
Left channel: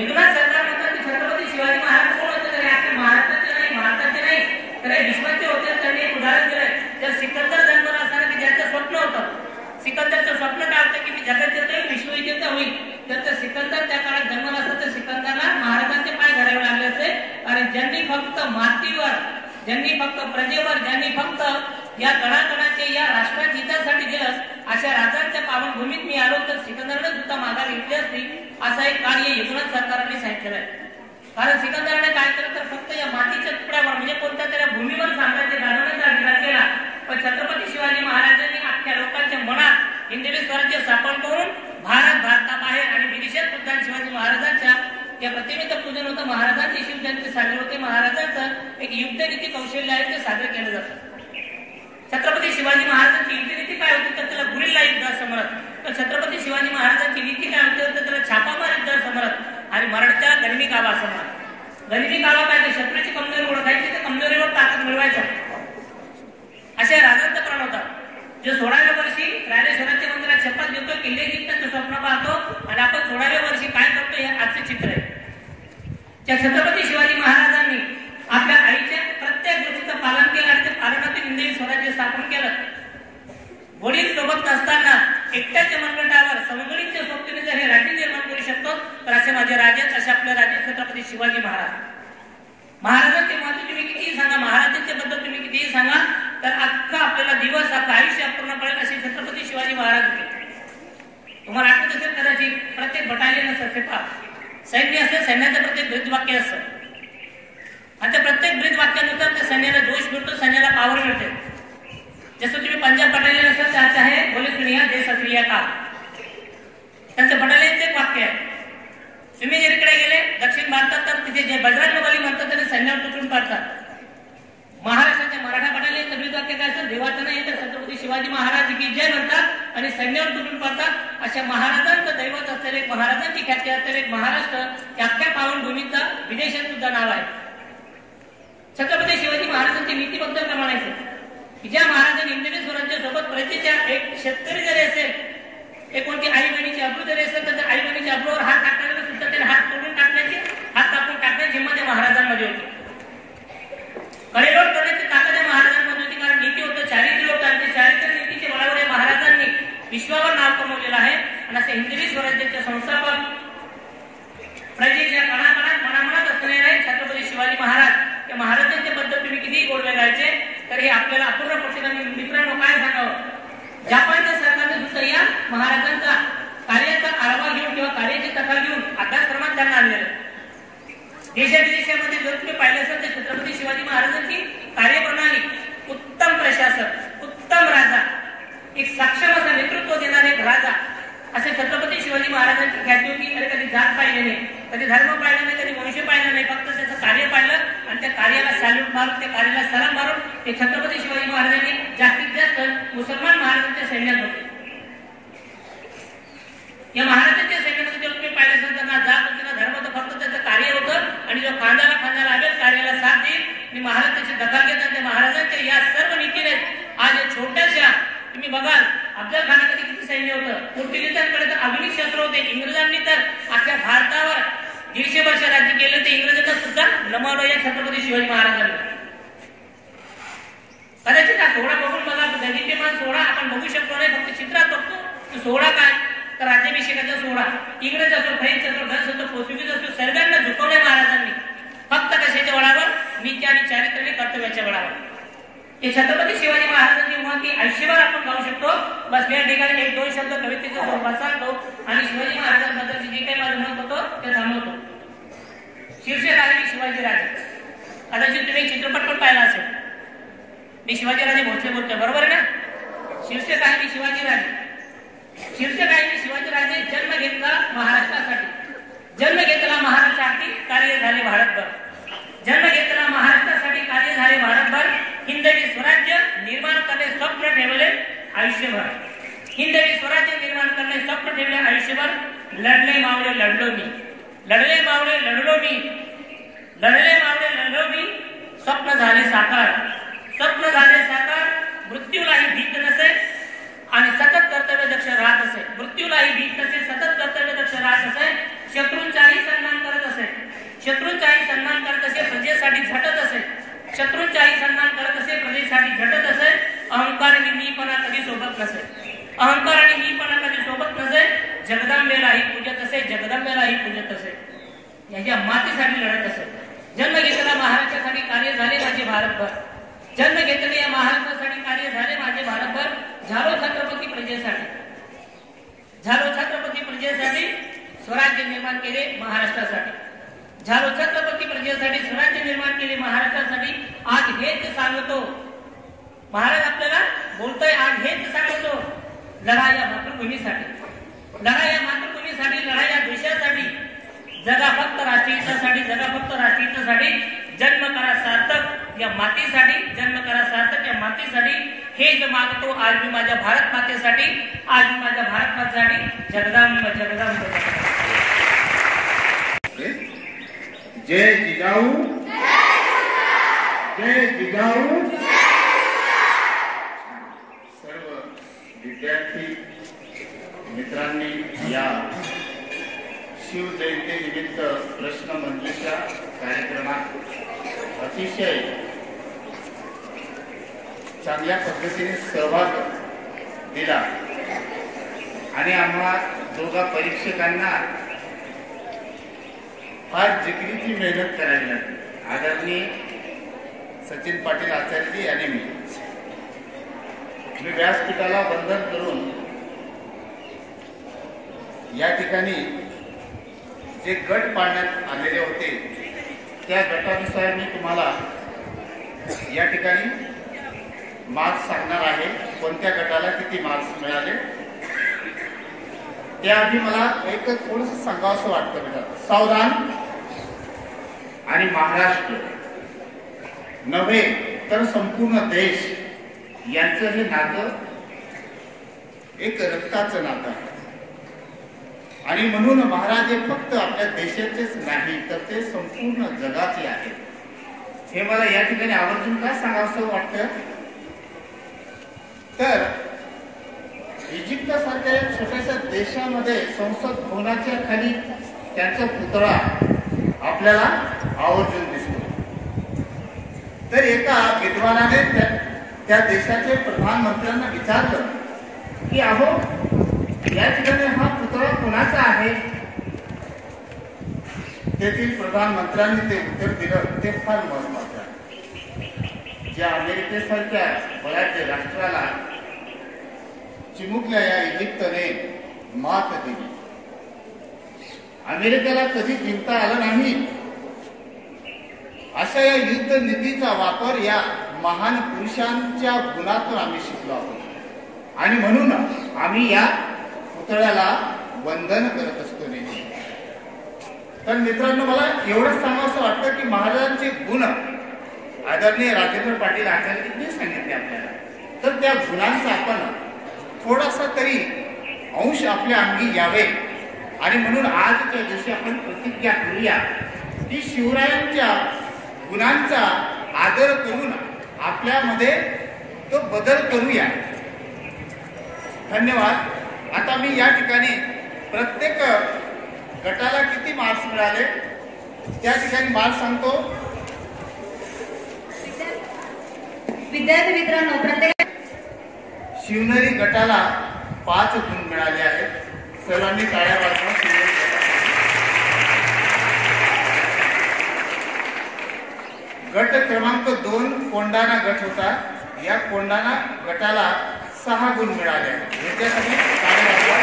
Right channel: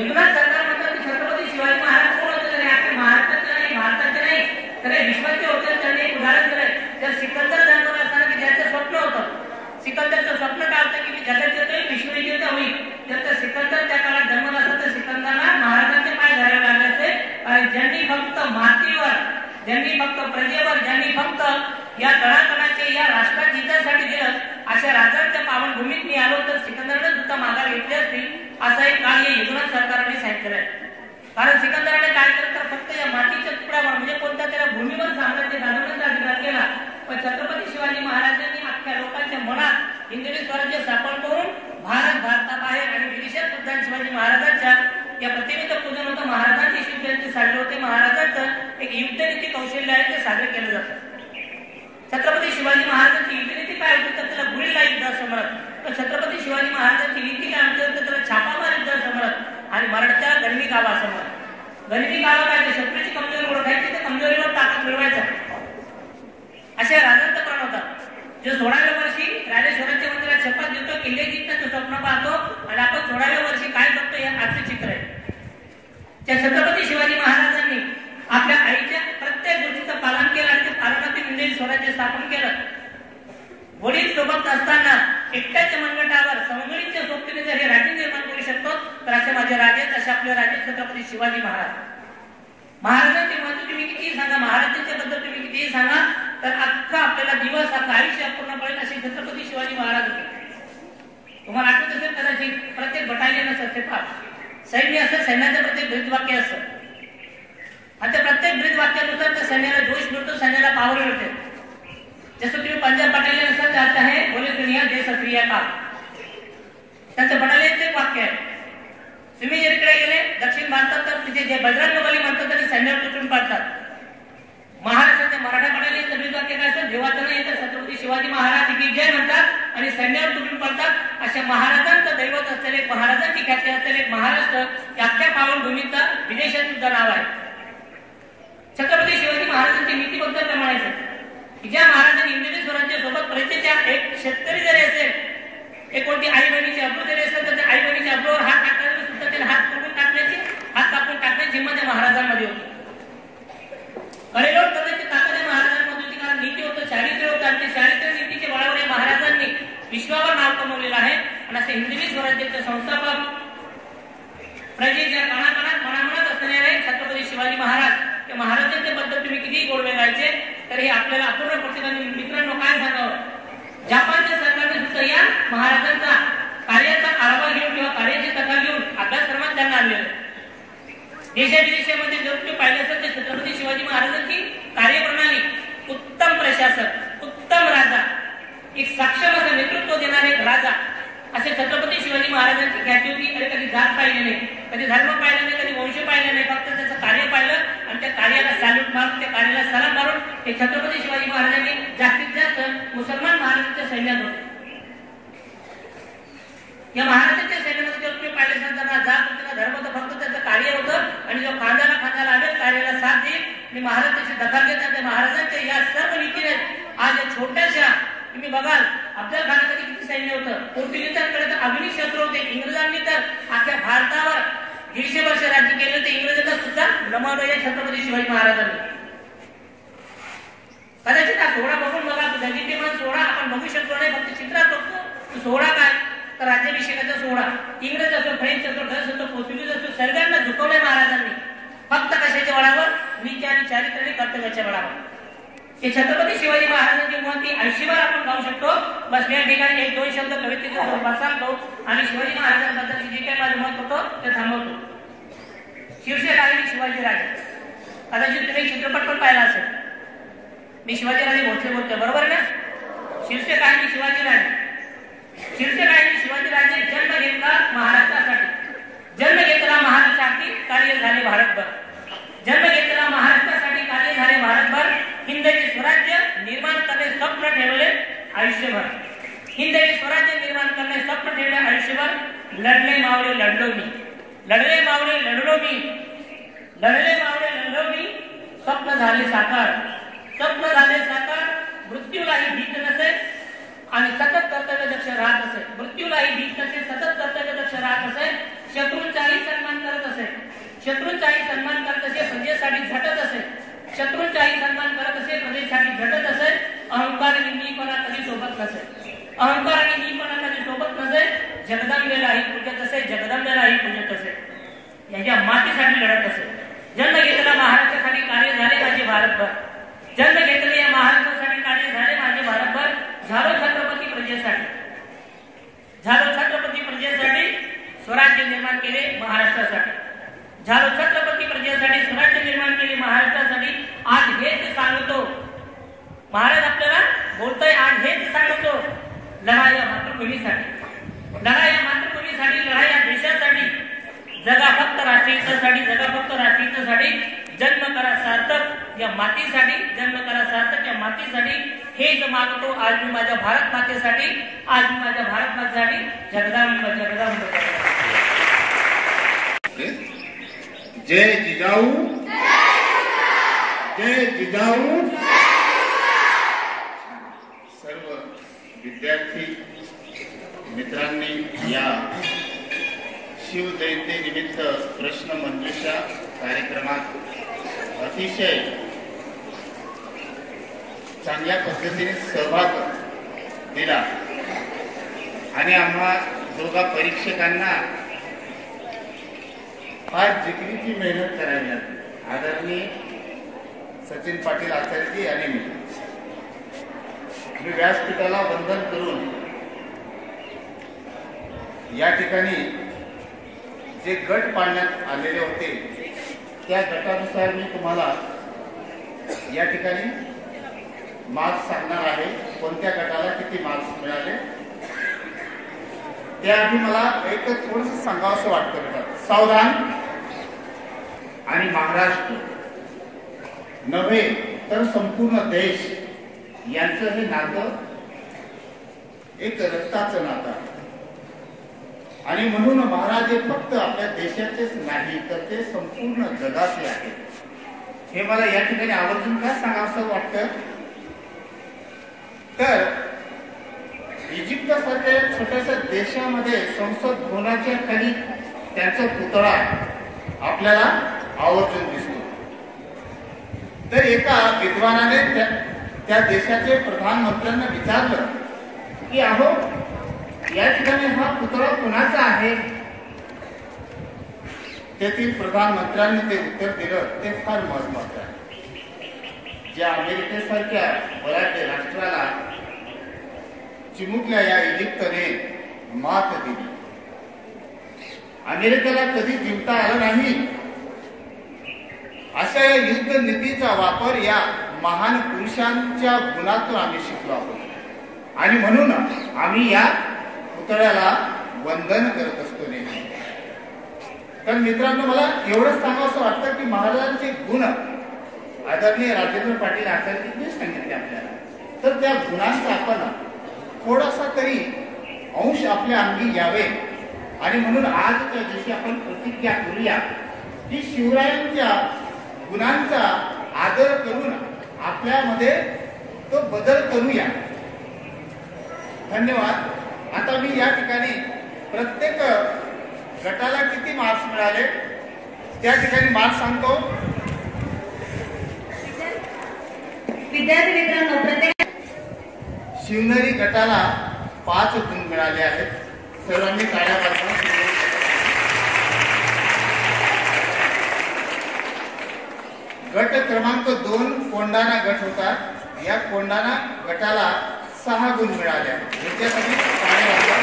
एकनाथ सरकार म्हणतात की छत्रपती शिवाजी महाराज कोण होते? तरी आपल्या महाराष्ट्राचे नाही, भारताचे नाही, तर विश्वाचे होते. त्यांनी एक उदाहरण दिलंय. जर सिकंदर जन्मला असताना की ज्यांचं स्वप्न होतं, सिकंदरचं स्वप्न काय होतं की मी जगात येतोय, विश्वविजेता होईल. तर सिकंदर त्या काळात जन्मला असता तर सिकंदरला महाराजांचे पाय धरावे लागले असते. आणि ज्यांनी फक्त मातीवर, ज्यांनी फक्त प्रजेवर, ज्यांनी फक्त या कणाकणाचे, या राष्ट्राच्या हितासाठी दिलं, अशा राजांच्या पावनभूमीत मी आलो तर सिकंदरने सुद्धा माघार घेतली असती. असा एक कार्य युगनाथ सरकारने सांगितलेलं आहे. कारण सिकंदराने काय केलं तर फक्त या मातीच्या तुकड्यावर, म्हणजे कोणत्या तरी भूमीवर साम्राज्य गाजवण्याचा अधिकार केला. पण छत्रपती शिवाजी महाराजांनी अख्ख्या लोकांच्या मनात हिंदवी स्वराज्य स्थापन करून भारताबाहेर आणि विदेशात सुद्धा शिवाजी महाराजांच्या या प्रतिमेचं पूजन होतं. महाराजांची शिवजयंती साजरी होते. महाराजांचं एक युद्धनीती कौशल्य आहे, ते साजरे केलं जातं. छत्रपती शिवाजी महाराजांची युद्धनीती काय होती तर त्याला गुरिल्ला युद्ध असं म्हणत. तर छत्रपती शिवाजी महाराजांची नीती काय होती तर त्याला छापामार युद्ध असं म्हणत. आणि मराठ्याला गनिमी कावा असं म्हणत. गनिमी कावा काय? शत्रूची कमजोरी ओळखायची, तर कमजोरीवर ताकद मिळवायचा, अशा राजांचा प्रण होता. जो 16व्या वर्षी राजेश्वरांच्या मंदिरात शपथ घेतो, किल्ले जिंकण्याचं स्वप्न पाहतो, आणि आपण 16व्या वर्षी काय करतो हे आजचे चित्र आहे. त्या छत्रपती शिवाजी महाराजांनी आपल्या आईच्या प्रत्येक गोष्टीचं पालन केलं आणि ते पालनातून हिंदवी स्वराज्य स्थापन केलं. वडील सोबत नसताना एकट्याच्या मनगटावर सवंगडीच्या सोबतीने जर हे राज्य निर्माण करू शकतो, तर असे माझे राजे, असे आपले राजे छत्रपती शिवाजी महाराज. महाराजांचे महत्व तुम्ही कितीही सांगा, महाराजांच्या बद्दल तुम्ही कितीही सांगा, तर अख्खा आपल्याला दिवस, अख्खा आयुष्य पूर्ण पडेल असे छत्रपती शिवाजी महाराज होते. तुम्हाला आठवत असेल कदाचित, प्रत्येक बटालियन असतं, ते सैन्य असतं, सैन्याचं प्रत्येक ब्रीदवाक्य असतं. आणि त्या प्रत्येक ब्रीदवाक्यानुसार त्या सैन्याला जोश मिळतो, सैन्याला पावर मिळते. जसं तुम्ही पंजाब बटालियन असतात, त्यात आहे बोले सुनिया जय सक्रिया काल, त्यांचं बटालियनचं एक वाक्य आहे. तुम्ही जर इकडे गेले दक्षिण भारतात तर तिथे जे बजरंग बली म्हणतात आणि सैन्यावर तुटून पाडतात. महाराष्ट्राच्या मराठा बटालियनचं ब्रीदवाक्य काय असतं? देवाचं नाही तर छत्रपती शिवाजी महाराज की जय म्हणतात आणि सैन्यावर तुटून पडतात. अशा महाराजांचं दैवत असलेले, महाराजांची ख्याती असलेले महाराष्ट्र या अख्ख्या पावनभूमीचा विदेशात सुद्धा नाव आहे. छत्रपती शिवाजी महाराजांची नीतीबद्ध प्रमाणायचं की ज्या महाराजांनी हिंदवी स्वराज्य सोबत प्रजेच्या एक शेतकरी जरी असेल, एक कोणती आई बहिणीची अब्रू जरी असेल, तर त्या आई बहिणीच्या अब्रूवर हात टाकण्याची सुद्धा त्याला हात तोडून टाकण्याची, हात कापून टाकण्याची हिंमत त्या महाराजांमध्ये होती. कडेलोट करण्याची ताकद या महाराजांमध्ये होती. कारण नीती होतं, चारित्र्य होतं, आणि ते चारित्र्य नीतीच्या बळावर या महाराज विश्वावर नाव कमवलेलं आहे. आणि असे हिंदवी स्वराज्याचे संस्थापक प्रजेच्या कणाकणात मनामनात असणारे छत्रपती शिवाजी महाराज या महाराजांच्या बद्दल तुम्ही किती गोडवे गायचे तर हे आपल्याला अपूर्ण पडते. मित्रांनो काय सांगावं, जपानच्या सरकारने सुद्धा या महाराजांचा कार्याचा आढावा घेऊन किंवा कार्याची कथा घेऊन अभ्यासक्रमात त्यांना आणलेलं. देशाविदेशामध्ये जर तुम्ही पाहिलं असेल तर छत्रपती शिवाजी महाराजांची कार्यप्रणाली, उत्तम प्रशासक, उत्तम राजा, एक सक्षम असं नेतृत्व देणारे एक राजा असे छत्रपती शिवाजी महाराजांची ख्याती होती. कधी जात पाहिली नाही, कधी धर्म पाहिला नाही, कधी वंश पाहिला नाही, फक्त त्याचं कार्य पाहिलं आणि त्या कार्याला सॅल्यूट मारून, त्या कार्याला सलाम मारून ते छत्रपती शिवाजी महाराजांनी जास्तीत जास्त मुसलमान महाराजांच्या सैन्यात होते. या महाराजांच्या सैन्यामध्ये जर तुम्ही पाहिलं असेल तर ना जात होती ना धर्म होतं, फक्त त्याचं कार्य होतं. आणि जो खांद्याला आवेल कार्याला साथ देईल आणि महाराज त्याची दखल घेतात. त्या महाराजांच्या या सर्व नीतीने आज या छोट्याशा तुम्ही बघाल अफजल खानाकडे किती सैन्य होतं, पोर्तुगीजांकडे तर अग्निक शस्त्र होते, इंग्रजांनी तर अख्ख्या भारतावर 150 वर्ष राज्य केलं. ते इंग्रजांना सुद्धा नमवलं या छत्रपती शिवाजी महाराजांनी. कदाचित हा सोहळा बघून बघा, दैनिक सोहळा आपण बघू शकतो नाही, फक्त चित्रात बघतो. सोहळा काय तर राज्याभिषेकाचा सोहळा. इंग्रज असो, फ्रेंच असो, डच असो, पोर्तुगीज असो, सर्वांना झुकवलंय महाराजांनी. फक्त कशाच्या बळावर, नीती आणि चारित्र्य कर्तव्याच्या बळावर. हे छत्रपती शिवाजी महाराजांची महती आयुष्यभर आपण गाऊ शकतो. बस या ठिकाणी 1-2 शब्द कवितेचा स्वरूपात सांगतो आणि शिवाजी महाराजांबद्दलचे जे काही माझं मत होतं ते थांबवतो. शीर्षक आहे शिवाजी राजे. कदाचित तुम्ही चित्रपट पण पाहिला असेल. मी शिवाजी राजे बोलतोय, बरोबर आहे ना. शीर्षक आहे शिवाजी राजे. शीर्षक आहे शिवाजी राजे जन्म घेतला महाराष्ट्रासाठी, जन्म घेतला महाराष्ट्रासाठी, कार्य झाले भारतभर. जन्म घेतला महाराष्ट्रासाठी, कार्य झाले भारतभर. हिंदवी स्वराज्य निर्माण करणे स्वप्न ठेवले आयुष्यभर. हिंदवी स्वराज्य निर्माण करणे स्वप्न ठेवले आयुष्यभर. लढले मावळे लढलो मी, लढले मावळे लढलो मी, लढले मावळे लढलो मी. स्वप्न झाले साकार, स्वप्न झाले साकार. मृत्यूलाही भीत नसे आणि सतत कर्तव्य दक्ष राहत असे. मृत्यूलाही भीत नसे, सतत कर्तव्य दक्ष राहत असे. शत्रूंचाही सन्मान करत असे, शत्रूंचाही सन्मान करत असे. प्रजेसाठी झटत असे, शत्रूंचाही सन्मान करत असे. प्रजेसाठी झटत असे. अहंकार आणि मीपणा कधी सोबत नसे, अहंकार आणि मीपणा कधी सोबत नसे. जगदंबेलाही पूजत असे, जगदंबेलाही पूजत असे. याच्या मातीसाठी लढत असे. जन्म घेतला महाराष्ट्रासाठी, कार्य झाले माझे भारतभर. जन्म घेतले या महाराष्ट्रासाठी, कार्य झाले माझे भारतभर. झालो छत्रपती प्रजेसाठी, झालो छत्रपती प्रजेसाठी. स्वराज्य निर्माण केले महाराष्ट्रासाठी, झालो छत्रपती प्रजेसाठी. स्वराज्य निर्माण केले महाराष्ट्रासाठी. आज हेच सांगतो महाराज आपल्याला बोलतोय, आज हेच सांगतो. लढा या मातृभूमीसाठी, लढा या मातृभूमीसाठी, लढा या देशासाठी. जगा फक्त राष्ट्रहितासाठी, जगा फक्त राष्ट्रहितासाठी. जन्म करा सार्थक या मातीसाठी, जन्म करा सार्थक या मातीसाठी. हेच मागतो आज मी माझ्या भारत मातेसाठी, आज मी माझ्या भारत मातेसाठी. जगदांब जगदांब जगदांब. जय जिजाऊ, जय जिजाऊ. सर्व विद्यार्थी मित्रांनी या शिवजयंती निमित्त प्रश्न मंजुषा कार्यक्रमात अतिशय चांगल्या पद्धतीने सहभाग दिला आणि आम्हा दोघा परीक्षकांना फार जिकिरीची मेहनत करावी लागली. आदरणीय सचिन पाटील आचार्यजी आणि मी व्यासपीठाला वंदन करून या ठिकाणी जे गट पाडण्यात आलेले होते त्या गटानुसार मी तुम्हाला या ठिकाणी मार्क्स सांगणार आहे. कोणत्या गटाला किती मार्क्स मिळाले त्याआधी मला एक थोडंसं सांगावंसं वाटतं बेटा. सावधान आणि महाराष्ट्र नव्हे तर संपूर्ण देश यांचं हे नातं एक रक्ताचं नातं आहे. आणि म्हणून महाराज हे फक्त आपल्या देशाचेच नाही तर ते संपूर्ण जगाचे आहे. हे मला या ठिकाणी आवर्जून काय सांगावंसं वाटतं तर इजिप्तसारख्या एक छोट्याशा देशामध्ये संसद भवनाच्या खाली त्यांचा पुतळा आपल्याला आवर्जून दिसतो. तर एका विद्वानाने त्या देशाचे प्रधानमंत्र्यांना विचारलं की अहो या ठिकाणी हा पुतळा कुणाचा आहे. तेथील प्रधानमंत्र्यांनी ते उत्तर दिलं ते फार महत्वाचं आहे. ज्या अमेरिकेसारख्या बलाढ्य राष्ट्राला चिमुकल्या या इजिप्तने मात दिली, अमेरिकेला कधी जिंकता आलं नाही, अशा या युद्ध नीतीचा वापर या महान पुरुषांच्या गुणातून आम्ही शिकलो आहोत आणि म्हणून आम्ही या पुतळ्याला वंदन करत असतो नेहमी. तर मित्रांनो, मला एवढंच सांगावं वाटतं की महाराजांचे गुण आदरणीय राजेंद्र पाटील आचार्यजींनी सांगितले आपल्याला, तर त्या गुणांचा आपण थोडासा तरी अंश आपल्या अंगी यावे आणि म्हणून आजच्या दिवशी आपण प्रतिज्ञा करूया की शिवरायांच्या गुणांचा आदर करून आपल्यामध्ये तो बदल करूया. धन्यवाद. आता मी या ठिकाणी प्रत्येक गटाला किती मार्क्स मिळाले त्या ठिकाणी मार्क्स सांगतो. विद्यार्थी मित्रांनो, प्रत्येक शिवनेरी गटाला 5 गुण मिळाले आहेत. सर्वांनी टाळ्या वाजवा. गट क्रमांक 2 कोंडाणा गट होता. या कोंडाणा गटाला 6 गुण मिळाले. याच्यासाठी टाळ्या वाजवा.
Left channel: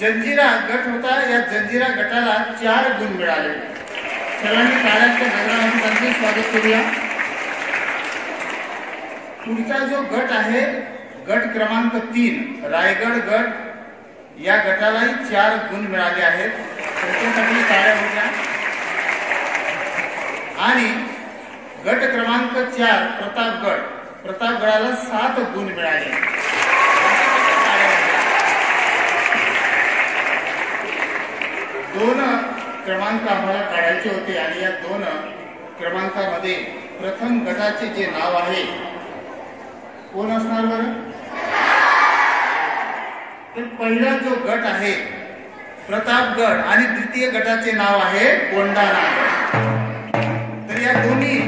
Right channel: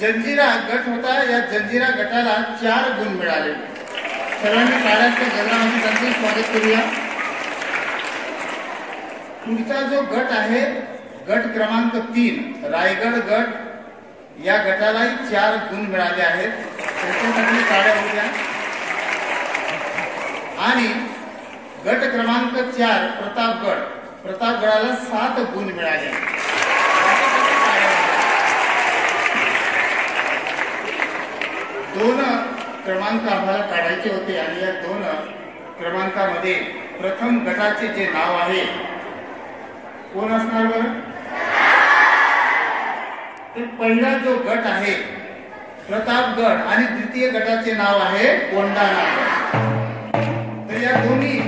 जंजिरा गट होता. या जंजिरा गटाला 4 गुण मिळाले. सर्वांनी टाळ्यांच्या गजरामध्ये त्यांचे स्वागत करूया. पुढचा जो गट आहे, गट क्रमांक 3 रायगड गट, या गटालाही 4 गुण मिळाले आहेत. त्यांच्यासाठी टाळ्या होत्या. आणि गट क्रमांक 4 प्रतापगड, प्रतापगडाला 7 गुण मिळाले. टाळ्या होत्या. 2 क्रमांक आम्हाला काढायचे होते आणि या 2 क्रमांकामध्ये प्रथम गटाचे जे नाव आहे कोण असणार बरं? तर पहिला जो गट आहे प्रतापगड आणि द्वितीय गटाचे नाव आहे कोंडाणा गट. तर या दोन्ही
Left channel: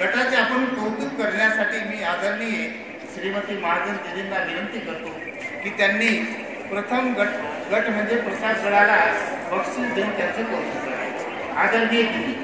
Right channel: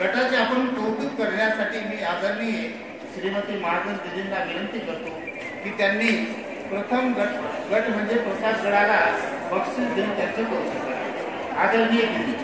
गटाचे आपण कौतुक करण्यासाठी मी आदरणीय श्रीमती महाजन दिदींना विनंती करतो की त्यांनी प्रथम गट म्हणजे प्रतापगडाला बक्षीस देऊन त्यांचं कौतुक करावे. आदरणीय दिदी.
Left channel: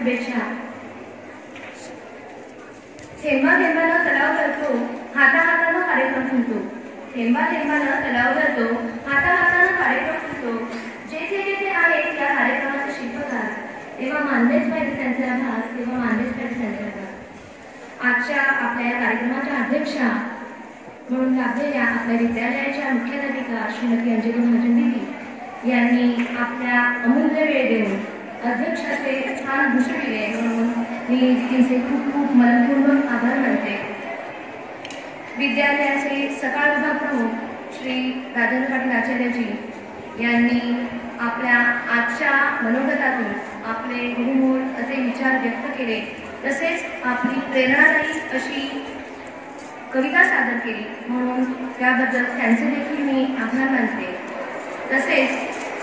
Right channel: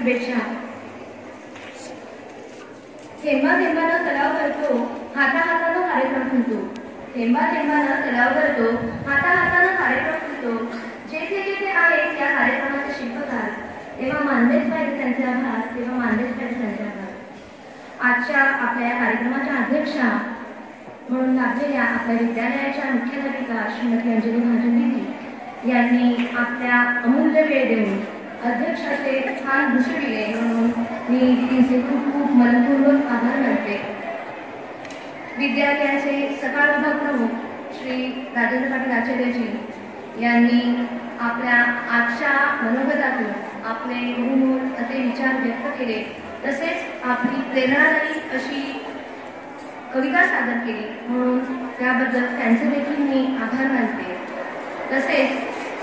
शुभेच्छा. थेंबा थेंबानं तलाव भरतो, हाताहातानं कार्यक्रम फुलतो. थेंबा थेंबानं तलाव भरतो, हाताहातानं कार्यक्रम फुलतो. जेथे जेथे आहेत या कार्यक्रमाचे शिल्पकार, तेव्हा मानलेच पाहिजे त्यांचे आभार, तेव्हा मानलेच पाहिजे त्यांचे आभार. आजच्या आपल्या या कार्यक्रमाच्या अध्यक्षा म्हणून लाभलेल्या आपल्या विद्यालयाच्या मुख्याध्यापिका श्रीमती अंजली महाजन दिदी यांनी आपल्या अमूल्य वेळ देऊन अध्यक्षाचे स्थान भूषविले, म्हणून मी दिदीचे खूप खूप मनपूर्वक आभार मानते. विद्यालयाचे सकाळ विभाग प्रमुख श्री राजेंद्र पाटील आचार्यजी यांनी आपल्या आजच्या मनोगतातून आपले बहुमोल असे विचार व्यक्त केले, तसेच आपली प्रेरणादायी अशी कविता सादर केली, म्हणून त्याबद्दल त्यांचे देखील मी आभार मानते. तसेच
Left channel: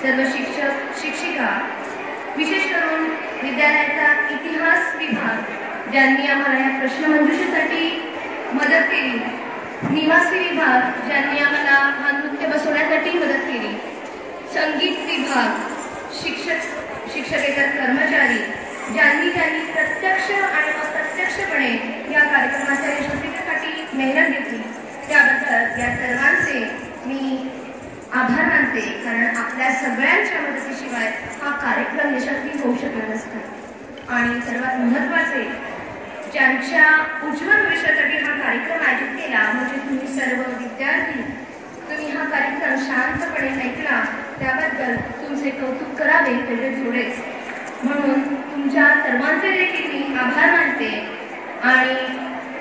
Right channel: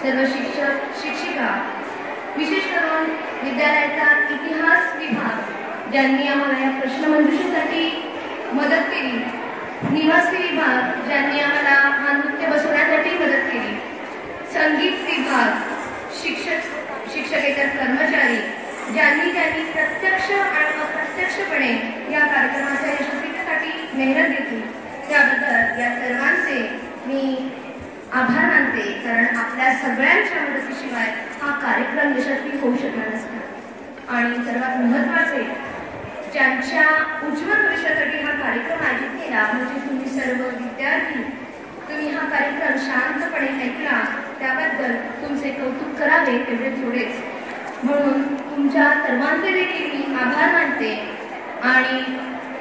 सर्व शिक्षक शिक्षिका, विशेष करून विद्यालयाचा इतिहास विभाग ज्यांनी आम्हाला या प्रश्नमंजुषेसाठी मदत केली, निवासी विभाग ज्यांनी आम्हाला हा नृत्य बसवण्यासाठी मदत केली, संगीत विभाग, शिक्षकेतर कर्मचारी ज्यांनी प्रत्यक्ष आणि अप्रत्यक्षपणे या कार्यक्रमाच्या यशस्वीतेसाठी मेहनत घेतली, त्याबद्दल या सर्वांचे मी आभार मानते. कारण आपल्या सगळ्यांच्या मदतीशिवाय हा कार्यक्रम यशस्वी होऊ शकला नसता. आणि सर्वात महत्त्वाचे, ज्यांच्या उज्ज्वल भविष्यासाठी हा कार्यक्रम आयोजित केला म्हणजे तुम्ही सर्व विद्यार्थी, तुम्ही हा कार्यक्रम शांतपणे ऐकला, त्याबद्दल तुमचे कौतुक करावे तेवढे थोडेच. म्हणून तुमच्या सर्वांचे देखील मी आभार मानते आणि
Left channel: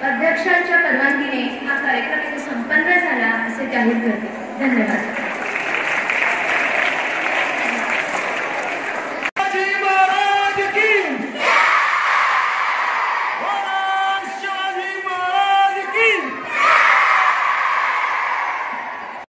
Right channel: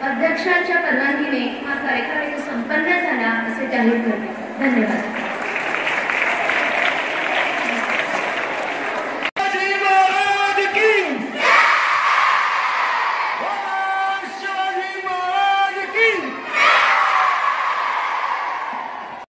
अध्यक्षांच्या परवानगीने हा कार्यक्रम संपन्न झाला असे जाहीर करते. धन्यवाद.